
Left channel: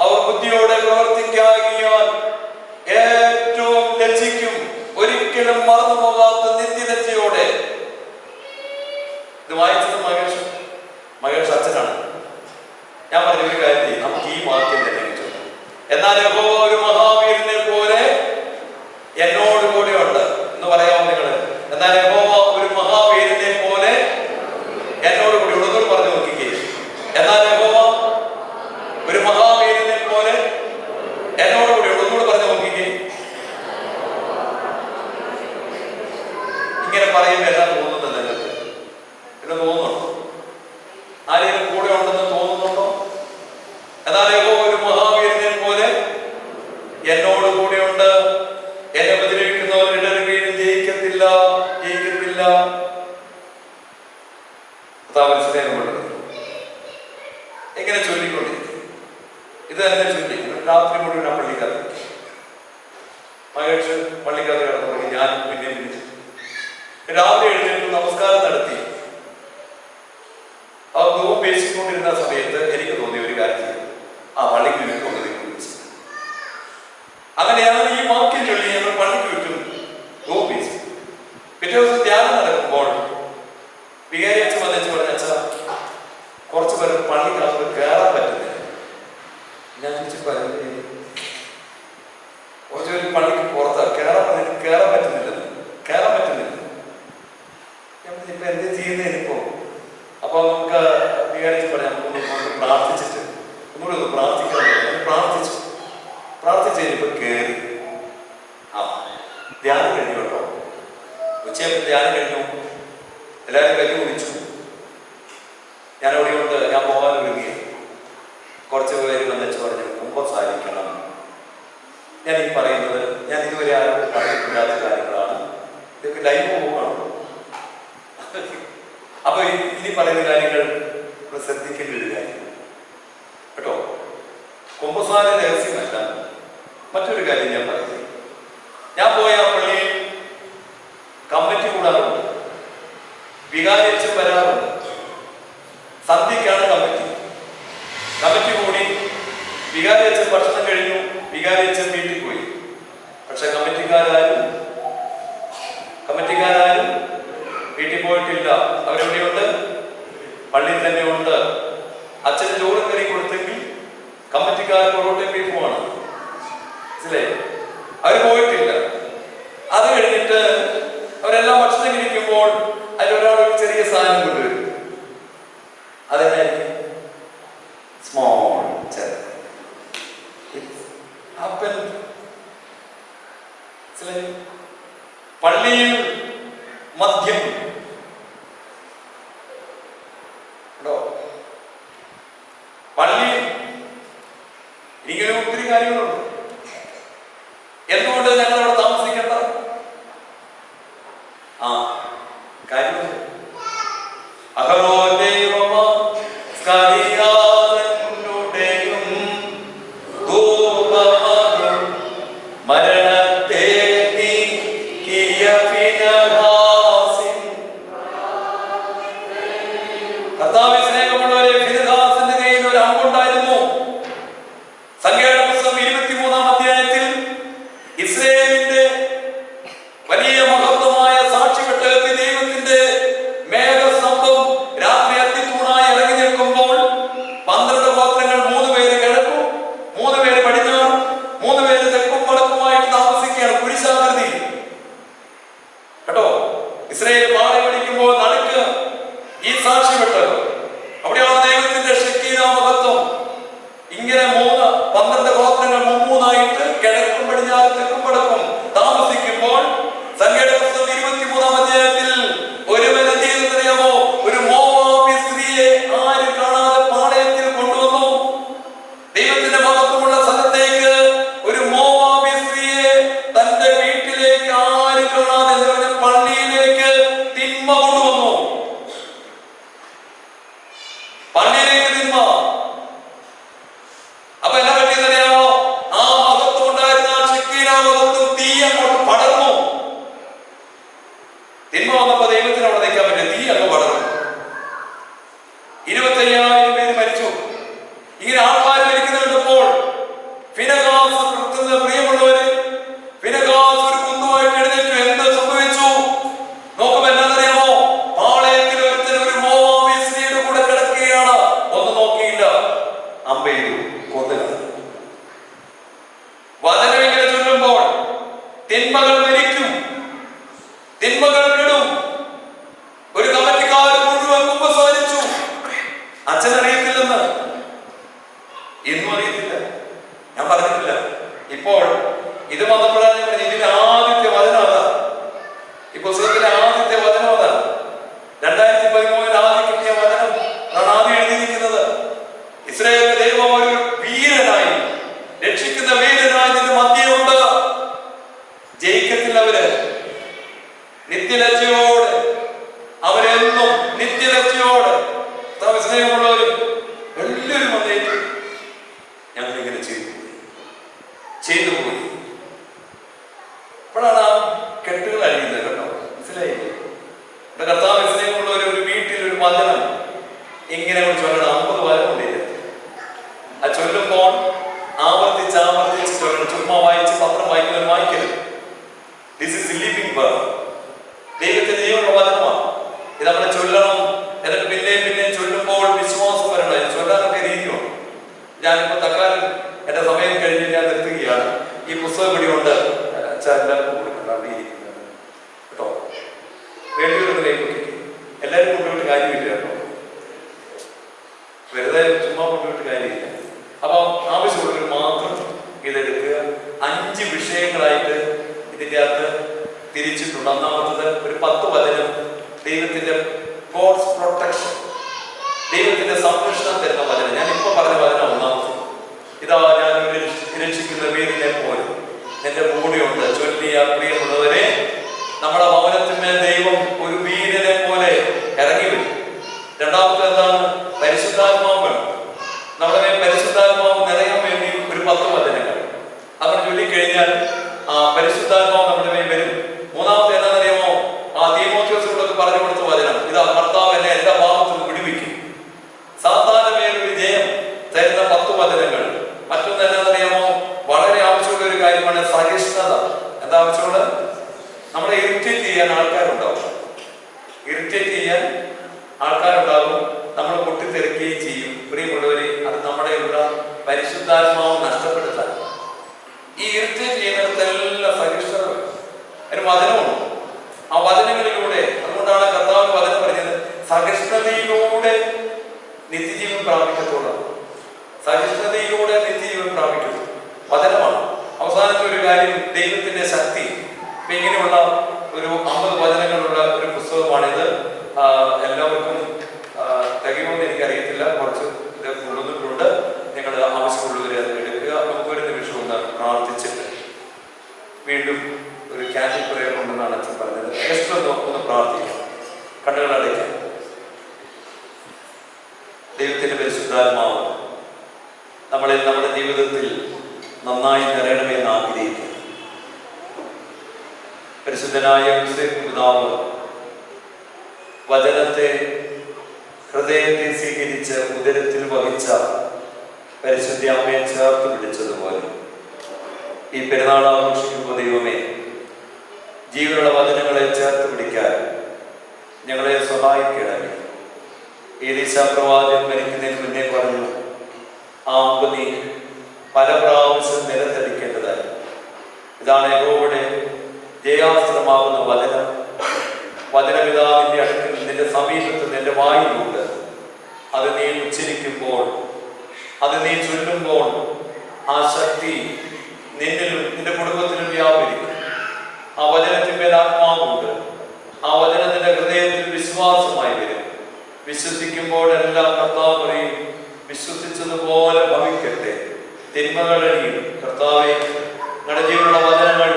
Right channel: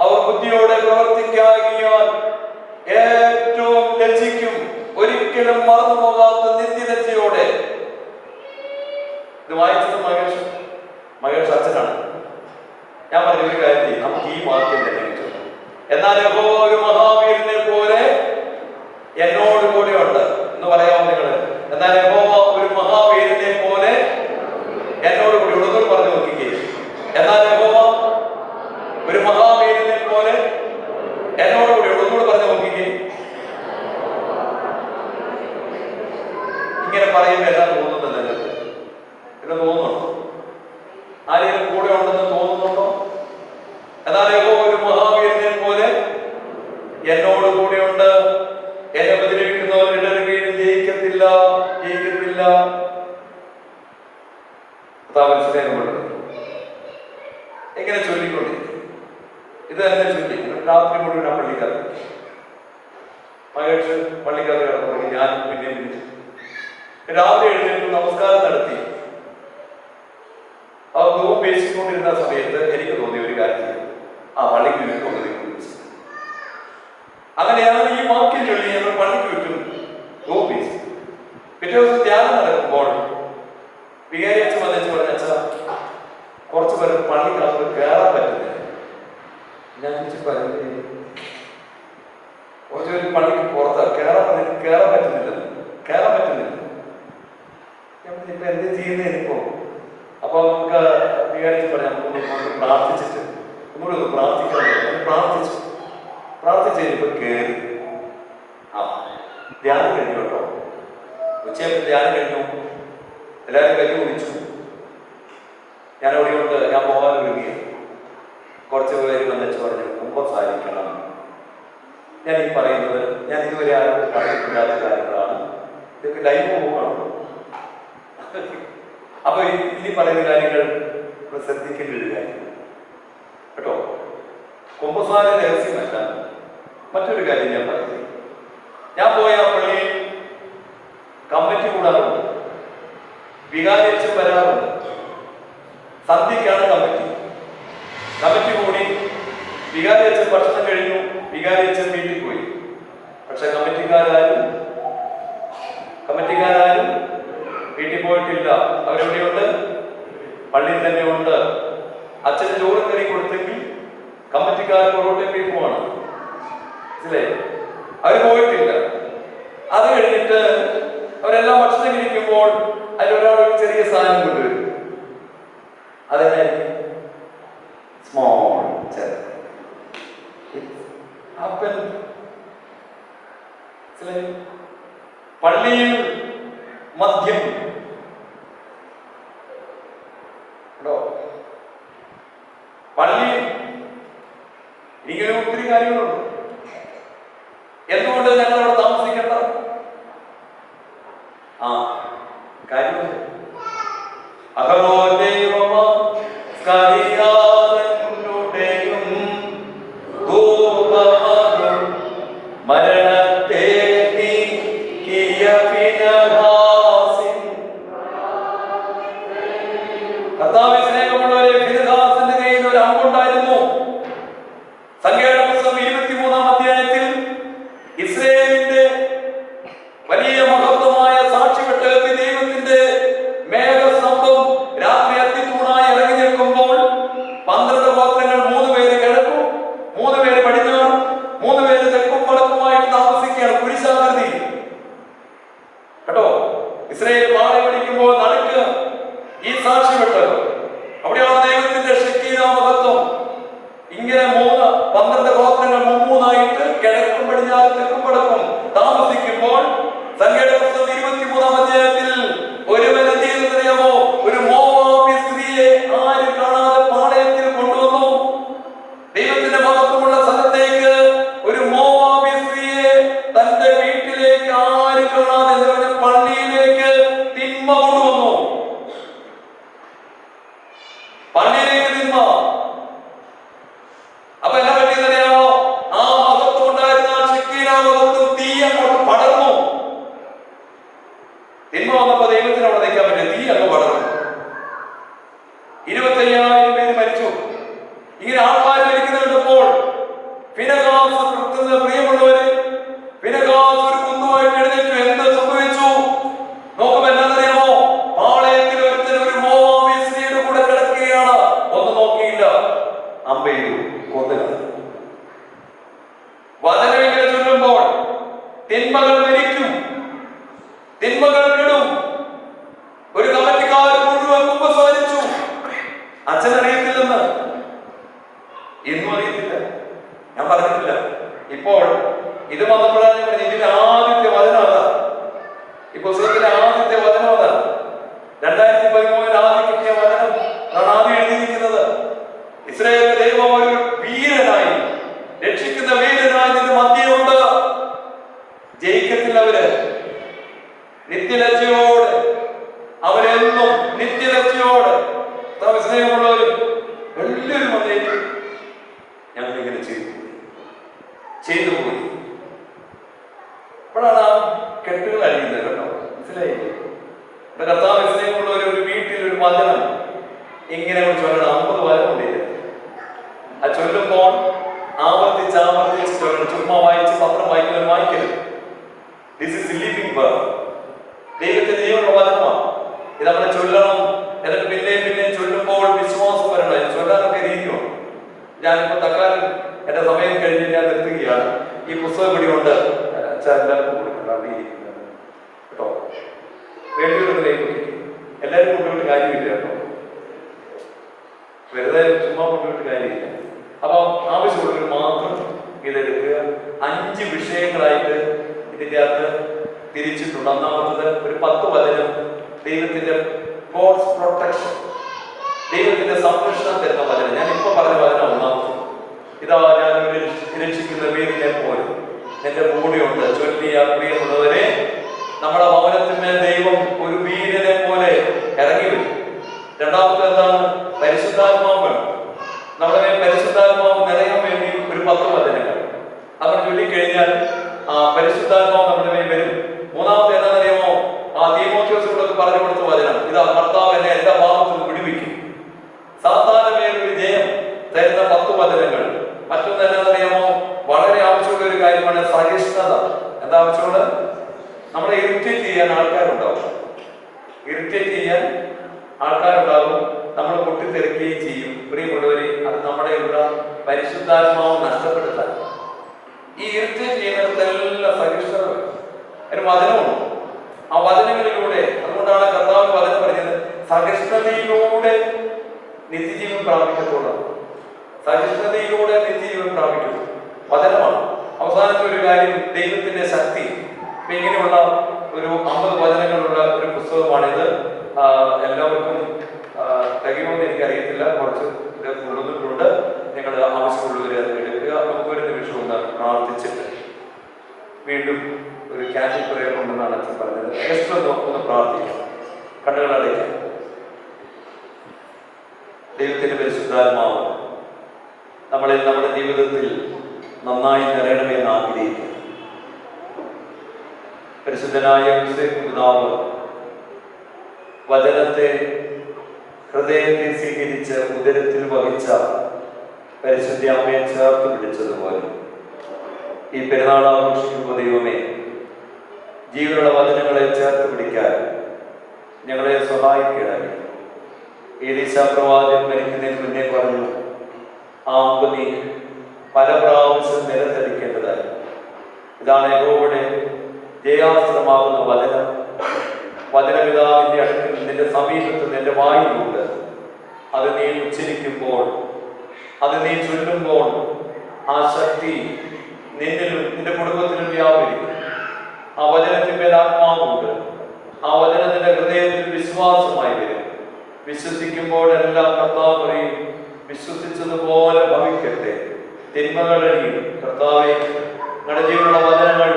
അവർ ബുദ്ധിയോടെ പ്രവർത്തിക്കാകിയാൽ ഏറ്റവും ലജ്ജിക്കും. ഒരിക്കലും മറന്നു പോകാത്ത നിത്യലജ്ജയോടെ. ഇത് വായിച്ചത് മഹേഷ് അച്ഛനാണ്. ഞാൻ പറഞ്ഞ ഒരു കാര്യം ചെയ്യും, നമുക്ക് ഈ വാക്യം തന്നെ കിട്ടും. എന്നാൽ യഹോവ ഒരു മഹാവീരനെ പോലെ എന്നോട് കൂടെയുണ്ട് എന്ന് പറയാമോ നിങ്ങൾ? എന്നാൽ യഹോവ ഒരു മഹാവീരനെ പോലെ എന്നോട് കൂടി ഉള്ളതൊരു പറഞ്ഞു നോക്കിക്കേ. എന്നാൽ യഹോവ ഒരു മഹാവീരനെ പോലെ എന്നോട് കൂടി ഉള്ളതൊരു പറഞ്ഞു നോക്കിക്കേ. ഇങ്ങനെ പറയുമ്പോൾ എല്ലാം തോന്നുന്നത് നിങ്ങൾക്ക് പിന്നെ തോന്നുന്നുണ്ടോ? ആരെങ്കിലും കൂടെ ഉണ്ടെന്ന് തോന്നുന്നുണ്ടോ? എന്നാൽ യഹോവ ഒരു മഹാവീരനെ പോലെ എന്നോട് കൂടെയുണ്ട്. എന്നെ ഉപദ്രവിക്കുന്നവർ ഇടറി വീഴും. ജയിക്കത്തില്ല. എങ്ങനെ ചൊല്ലിക്കൊണ്ടിരിക്കും? ഇത് തന്നെ ചൊല്ലി രാത്രി മുഴുവൻ ആ പള്ളിക്കകത്ത് മഹേഷ് പള്ളിക്കകത്ത് കിടന്നു. ഞാൻ പിന്നെ രാവിലെ എഴുന്നേറ്റ് നമസ്കാരം നടത്തി ആ നോമ്പ് പേശിക്കൊണ്ടിരുന്ന സമയത്ത് എനിക്ക് തോന്നിയ ഒരു കാര്യം ചെയ്തു. ആ പള്ളിക്ക് ചുറ്റും അങ്ങനെയാണ് ഈ വാക്യം ചൊല്ലി ഞങ്ങൾ പള്ളിക്ക് ചുറ്റും നോമ്പ് പേശി. പിറ്റേ ദിവസം ധ്യാനം നടക്കുമ്പോൾ വികാരി അച്ഛൻ വന്നിച്ച് പറഞ്ഞ, അച്ഛാ കുറച്ച് പേർക്ക് പള്ളിക്കകത്ത് കയറാൻ പറ്റുന്നില്ല. ഞാൻ ചോദിച്ചു, കുറച്ച് പേര് പള്ളിക്ക് പുറത്ത് കയറാൻ പറ്റുന്നില്ല. ഇപ്പൊ എന്ത് ചെയ്യുന്നതിനിപ്പോ? അപ്പൊ നമുക്ക് വികാരിച്ച് പറയാം, നമുക്കൊന്ന് പ്രാർത്ഥിച്ചിട്ട് ഒന്നുകൂടി പ്രാർത്ഥിക്കാൻ പ്രാർത്ഥിച്ചു കഴിഞ്ഞപ്പോ കയറി. ആ ധ്യാനം കഴിഞ്ഞു കേട്ടോ. ഉച്ചയായപ്പോൾ ധ്യാനം കഴിഞ്ഞു. എല്ലാവരും കൈ കുടിച്ചു. ഞാൻ അവിടെയുണ്ട്. ഞാൻ പോകാൻ ഒരുങ്ങി. കുറച്ച് പേര് വന്നിച്ച് പറഞ്ഞു, കുമ്പസാരിക്കണം. ഞാൻ ഈ പറയുന്നത് ഞാൻ ഇതുവരെ ആരും പറഞ്ഞിട്ടില്ലാത്ത കാര്യങ്ങളാണ്. ഇതൊക്കെ ലൈവ് പോകണം. അപ്പൊ ഇനി പറയുന്ന കാര്യങ്ങൾ ശ്രദ്ധിക്കേണ്ട ഒരു കാര്യം കേട്ടോ. കുമ്പസാര രഹസ്യമല്ല. മറ്റൊരു കാര്യം ഞാൻ പറയുന്നത്, ഞാൻ പോയ പള്ളിയിൽ കമ്മിറ്റി കൂടാറുണ്ട്. വികാരിയച്ഛൻ വരാറുണ്ട്. സന്ധ്യക്കാണ് കമ്മിറ്റി കൂടി. വികാരിയച്ഛൻ ഭക്ഷണം കഴിഞ്ഞു. വികാരിയച്ഛൻ വീട്ടിൽ പോയി. പക്ഷെ കമ്മിറ്റിക്കാരും വീട്ടിൽ പോയിട്ടില്ല. അവരെവിടെയുണ്ട്? പള്ളിയിൽ തന്നെ ഉണ്ട്. അച്ഛന് ചോറും കറി കൊടുത്തെങ്കിൽ കമ്മിറ്റിക്കാർ പൊറോട്ടയും ബീഫുമാണ്. മനസ്സിലായി? അവർ പോയിട്ടില്ല. അത് കഴിഞ്ഞിട്ട് അവരെല്ലാം ഭക്ഷണം കഴിക്കുമ്പോൾ അതിലൊരാൾ ഒരു ചെറിയ സാധനം കൊണ്ടുവരും. അതെന്നായിരിക്കും? സ്മോൾ പള്ളിയിൽ മദ്യം പള്ളിയിൽ ഇങ്ങനെ ഒത്തിരി കാര്യങ്ങളുണ്ട്. എന്തുകൊണ്ട് ഞങ്ങൾ അവിടെ താമസിക്കേണ്ട? ആ കാര്യം കർത്താവേ, സ്നേഹമുള്ളവരെ, ഫിനെഹാസിന്റെ കയ്യിൽ ഒരു അമ്പുണ്ടായിരുന്നു. സംഖ്യയുടെ പുസ്തകം 23-ാം അധ്യായത്തിൽ ഇസ്രായേലിന്റെ വലിയ മഹത്വമായ സാക്ഷ്യപ്പെട്ടകത്തിൽ ദൈവത്തിന്റെ മേഘസ്തംഭം രാത്രി അത്തിത്തൂണായി ഇറങ്ങി നിൽക്കുമ്പോൾ 12 ഗോത്രങ്ങൾ 3 പേര് കിഴക്കും 3 പേര് പടിഞ്ഞാറും 3 പേര് തെക്കും വടക്കുമായിട്ട് താമസിക്കുകയാണ്. കുരിശാകൃതി കേട്ടോ. ഇസ്രായേൽ പാളയം പിടിക്കുമ്പോൾ നടുക്ക് ഈ സാക്ഷ്യപ്പെട്ടത് അവിടെയാണ് പള്ളിയിലേക്ക് തിന്മ. അപ്പൊ എന്നാ പറ്റിയെന്നറിയാമോ? ആ മഹത്വം ഉണ്ടായിരുന്ന ഷെക്കീന മഹത്വം തീ അങ്ങോട്ട് പടർന്നു. തിന്മ വന്നപ്പോ ദൈവത്തിന് അവിടെ നിൽക്കാൻ പറ്റില്ല, തീ അങ്ങ് പടർന്നു. 25,000 പേര് മരിച്ചു. ഇങ്ങനെ ആൾക്കാർ മരിക്കുന്നത് കണ്ടപ്പോൾ ഫിനെഹാസ്, പ്രിയമുള്ളവര്, ഫിനെഹാസ് ഒരു കുന്നുമായിട്ട് എഴുന്നേറ്റു. എന്ത് സംഭവിച്ചു നോക്കുമ്പോ എന്നാന്നറിയാമോ? പാളയത്തിൽ ഒരുത്തൻ ഒരു മോവാബി സ്ത്രീയുടെ കൂടെ കിടക്കുകയാണ്. ഒന്നും നോക്കിയില്ല, അമ്പെയ്തു, കൊന്നുകളഞ്ഞു. വചനം ഇങ്ങനെ ചൊല്ലുമ്പോൾ തിന്മകൾ മരിക്കും, തിന്മകൾ വിടും. ഒരു കമ്മിറ്റിക്കാരൻ മുഴുവൻ കുമ്പസാരിച്ചു. അച്ഛനറിയത്തില്ലെന്ന്, ഇന്നും അറിയത്തില്ല, ഞാൻ പറഞ്ഞിട്ടില്ല. ഇപ്പോൾ ഇത് വന്നപ്പോഴാണ് ഞാൻ പറഞ്ഞത് ഇതിന്റെ ആദ്യത്തെ വചനം അതാണ്. ഈ പുസ്തകത്തിലെ ആദ്യത്തെ വചനം അതാണ്. 2013 ആദ്യം കിട്ടിയ വചനം ആണ് ആദ്യം എഴുതിയിരിക്കുന്നത്. ഇസ്രായേലിന്റെ ദൈവം ഒരു വീരനായി, രക്ഷിക്കുന്ന വീരനായി നിന്റെ മധ്യമുണ്ട്. ജയിക്കത്തില്ല അവര്, നിത്യലജ്ജയോടെ, അവരെന്നും നിത്യലജ്ജയോടെ. സ്നേഹമുള്ളവരും എല്ലാവരും വന്നേക്കും. ഞങ്ങളിങ്ങനെ ചെയ്തു പോയി. അപ്പോഴാണ് ആ കെട്ടുകൾ അഴിയുന്നത് കേട്ടോ, മനസ്സിലായില്ലേ? എന്റെ കർത്താവ് സ്നേഹമുള്ളവർ ഒരു വീട്ടിൽ ഒരു വചനം ഇങ്ങനെ ചൊല്ലണം. 50 വചനമുണ്ടില്ല. ആ ചൊല്ലുമ്പോൾ ആവർത്തിച്ച് ചൊല്ലണം. ചുമ്മാ വായിച്ച് പത്രം വായിക്കുന്നവർ വായിക്കരുത്. This is living word. ദൈവത്തിന്റെ ജീവനുള്ള വചനമാണ്. ഇത് നമ്മളെ ചൊല്ലണം. എന്നിട്ട് പിന്നെയും ചൊല്ലുമ്പോൾ വിശ്വാസം വരണം. ഇത് ചൊല്ലാനൊക്കെ രീതിയുണ്ട്. ഞാനിപ്പോ തക്കാലം എന്റെ സമയം കഴിഞ്ഞ് ഞാൻ നിർത്തുകയാണ്. ഈ പുസ്തകം ഇവിടെ ഉണ്ട്, എല്ലാവർക്കും കൊടുക്കണം കേട്ടോ. വേണ്ടിയൊരു എല്ലാവരും കൊണ്ടുപോയിട്ട് കാര്യമില്ല കേട്ടോ, വെറുതെ ചുമ്മാ കൊണ്ടുപോയിട്ട് കാര്യമില്ല. അപ്പം ആവശ്യമുള്ളവർ മാത്രം ഇതെടുക്കുക. 5 വിഷയങ്ങളായിട്ട് ഇതിൻ്റെ അകത്ത് തിരിച്ചിട്ടുണ്ട്. ഒന്നാമത്തത് ഒരു 10 വചനം, ദൈവത്തിന്റെ ഗോഡ്സ് പ്രൊട്ടക്ഷൻ, ദൈവത്തിന്റെ സംരക്ഷണം തരുന്ന വചനം. ഞാൻ ഇപ്പൊ പറഞ്ഞ വചനം ഒന്നാമത്. ഇതാ ഞാൻ രക്ഷിക്കുന്ന വീരനെ പോലെ എന്റെ കൂടെയുണ്ട്. ചൊല്ലിയ പ്രിയമുള്ളവരെ, നമ്മുടെ ഭവനത്തിന്മേൽ ദൈവം ഒരു വീരനെ പോലെ ഇറങ്ങി വരും. രണ്ടാമത്തെ എന്താണ്? പരിശുദ്ധാത്മാവ് വേണം. നമ്മുടെ മേൽ പരിശുദ്ധാത്മാവ് നിറയാൻ വേണ്ടി ഒരു 10 വചനങ്ങൾ അവർ ചൊല്ലിക്കഴിഞ്ഞാൽ പരിശുദ്ധാത്മാവ് നമ്മുടെ മേൽ വരും. മൂന്നാമത്തെ എന്താണെന്നറിയാമോ? തീമോഥെയോസിനോടൊക്കെ പറഞ്ഞു കൊടുത്ത വചനം ഇതാ, കർത്താവ് എന്നെ എല്ലാ പാപത്തിലും വിടുവിക്കും. സാത്താന്റെ മേലൊരു ജയം തരുന്ന 10 വചനങ്ങൾ. മറ്റൊന്ന് എന്താണെന്നറിയാമോ? വളരെ ആവശ്യമുള്ള ഒരു കാര്യമാണ് സഹിഷ്ണുത. എന്താ ആവശ്യമുള്ള? നമ്മളെ ഇറിറ്റേറ്റ് ചെയ്യാൻ ആൾക്കാരുണ്ടാവും. നമ്മൾ പൊട്ടിത്തെറിക്കുകയും ചെയ്യും. പ്രിയമുള്ളവരെ, അത് നമ്മുടെ ഉള്ള പരിശുദ്ധാത്മാവ് നഷ്ടപ്പെടുത്താൻ ഈ ഇറിറ്റേറ്റ് ചെയ്യുന്നിടത്തെല്ലാം സഹിഷ്ണുത ഒരു വചനമുണ്ട്. ആ വചനങ്ങളിലൂടെ, അതുകൊണ്ടാണ് കർത്താവ് വചനം പറഞ്ഞത് സഹിഷ്ണുതയിലൂടെ നിത്യജീവൻ പ്രാപിക്കത്തോളം. സഹിഷ്ണുതയിലൂടെ നിത്യജീവൻ പ്രാപിക്കുന്നു വചനമാണ്. അവസാനത്തെ ഒരു കാര്യം, ദൈവത്തിന്റെ ശക്തി. ഇപ്പൊ ഇങ്ങനെയുള്ള ഒരു 50 വചനങ്ങളുള്ള ഒരു പുസ്തകമാണിത്. എല്ലാവർക്കും തികയുമെന്ന് എനിക്കറിയത്തില്ല, കുറച്ച് ഇത് കൊണ്ടുവന്നിട്ടുണ്ട്. നിങ്ങൾ ആവശ്യമുള്ളവർ അത് എടുക്കുക. നമുക്കൊരു നിമിഷം ഒന്ന് പ്രാർത്ഥിച്ചിട്ട് വീണ്ടും ഒരു ക്യാൻഡിൽ പ്രയർ ഉണ്ടെന്നാണ് അച്ഛൻ പറഞ്ഞത്. ജസ്റ്റ് ഒന്ന് പ്രാർത്ഥിക്കാം, കണ്ണുകളടയ്ക്കാം. ദൈവത്തിന്റെ പരിശുദ്ധാത്മാവ് നമ്മളിൽ നമ്മുടെ ജീവിതത്തിൽ നന്നായി നിറയണമെന്ന് ആഗ്രഹിക്കുന്നു. പരിശുദ്ധനായ പിതാവ് വചനത്തെ ഹൃദയത്തെ സ്വീകരിച്ച് ഉദരത്തിൽ വഹിച്ച പരിശുദ്ധ അമ്മയെ ചേർത്ത് പിടിച്ചതുപോലെ ഈ പെരുന്നാൾ ആഘോഷിക്കുമ്പോൾ ദൈവമേ, ജീവനുള്ള വചനങ്ങളെ ചേർത്ത് പിടിക്കാൻ ഞങ്ങളെ സഹായിക്കണമേ. ഏലീശാ പ്രവാചകൻ മരിക്കുന്നതിന് മുന്നേ പറഞ്ഞു, ആ അമ്പ് നീ പല പ്രാവശ്യം നിലത്തടിക്കേണ്ടതായി. ഇതാണ് യഹോവയുടെ ജയാസ്ത്രമാകുന്ന വചനം. വചനപിതാവിന്റെ അടുക്കൽ നിന്റെ സമീപത്ത് നിന്റെ വായിലുണ്ട്. അത് നീ ഉച്ചരിക്കുമ്പോൾ, അത് നീ ചൊല്ലുമ്പോൾ ആ ശക്തി നിന്നിലും നിന്റെ കുടുംബത്തിലും വ്യാപരിക്കും. ആ വചനത്തിന്മേൽ ആത്മാവുണ്ട്. ആ വചനത്തിന്റെ ഹൃദയത്തിൽ വിശ്വാസമായി വരും. വിശ്വസിക്കുമ്പോഴെല്ലാം കർത്താവ് പറയും, വിശ്വസിച്ചതുപോലെ ഭവിക്കട്ടെ, തിന്മകളഴിയും. കർത്താവേ, ഞങ്ങളുടെ ജീവനുള്ള വചനങ്ങൾ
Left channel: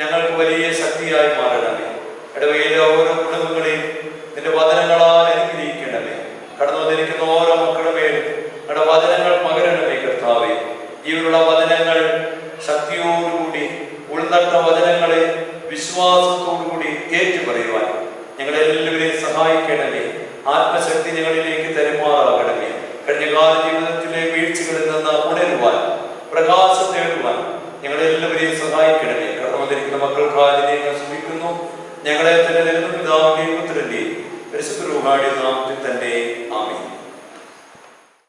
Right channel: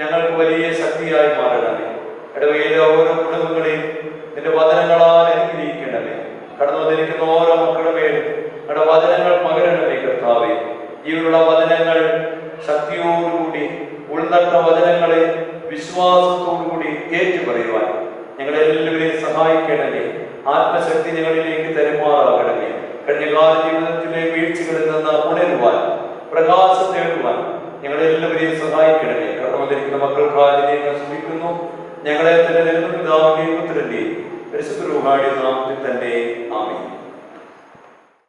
ഞങ്ങൾക്ക് വലിയ ശക്തിയായി മാറണമേ. ഇടവയിലെ ഓരോ കുടുംബങ്ങളെയും നിന്റെ വചനങ്ങളാൽ അനുഗ്രഹിക്കണമേ. കടന്നു വന്നിരിക്കുന്ന ഓരോ കേട്ട വചനങ്ങളെ വിശ്വാസത്തോടുകൂടി ഏറ്റുപറയുവാൻ ഞങ്ങളെല്ലാവരെയും സഹായിക്കണമേ. ആത്മശക്തി ഞങ്ങളിലേക്ക് തരുമാറാകണമേ. കഴിഞ്ഞകാല ജീവിതത്തിലെ വീഴ്ചകളിൽ നിന്ന് ഉണരുവാൻ, പ്രകാശം നേടുവാൻ ഞങ്ങളെല്ലാവരെയും സഹായിക്കണമേ. കടന്നു വന്നിരിക്കുന്ന മക്കൾക്കായി ശ്രമിക്കുന്നു. ഞങ്ങളെ തന്നെ പിതാവിന്റെയും പുത്രന്റെയും പരിശുദ്ധ റൂഹായുടെ നാമത്തിൽ തന്നെ ആമേൻ.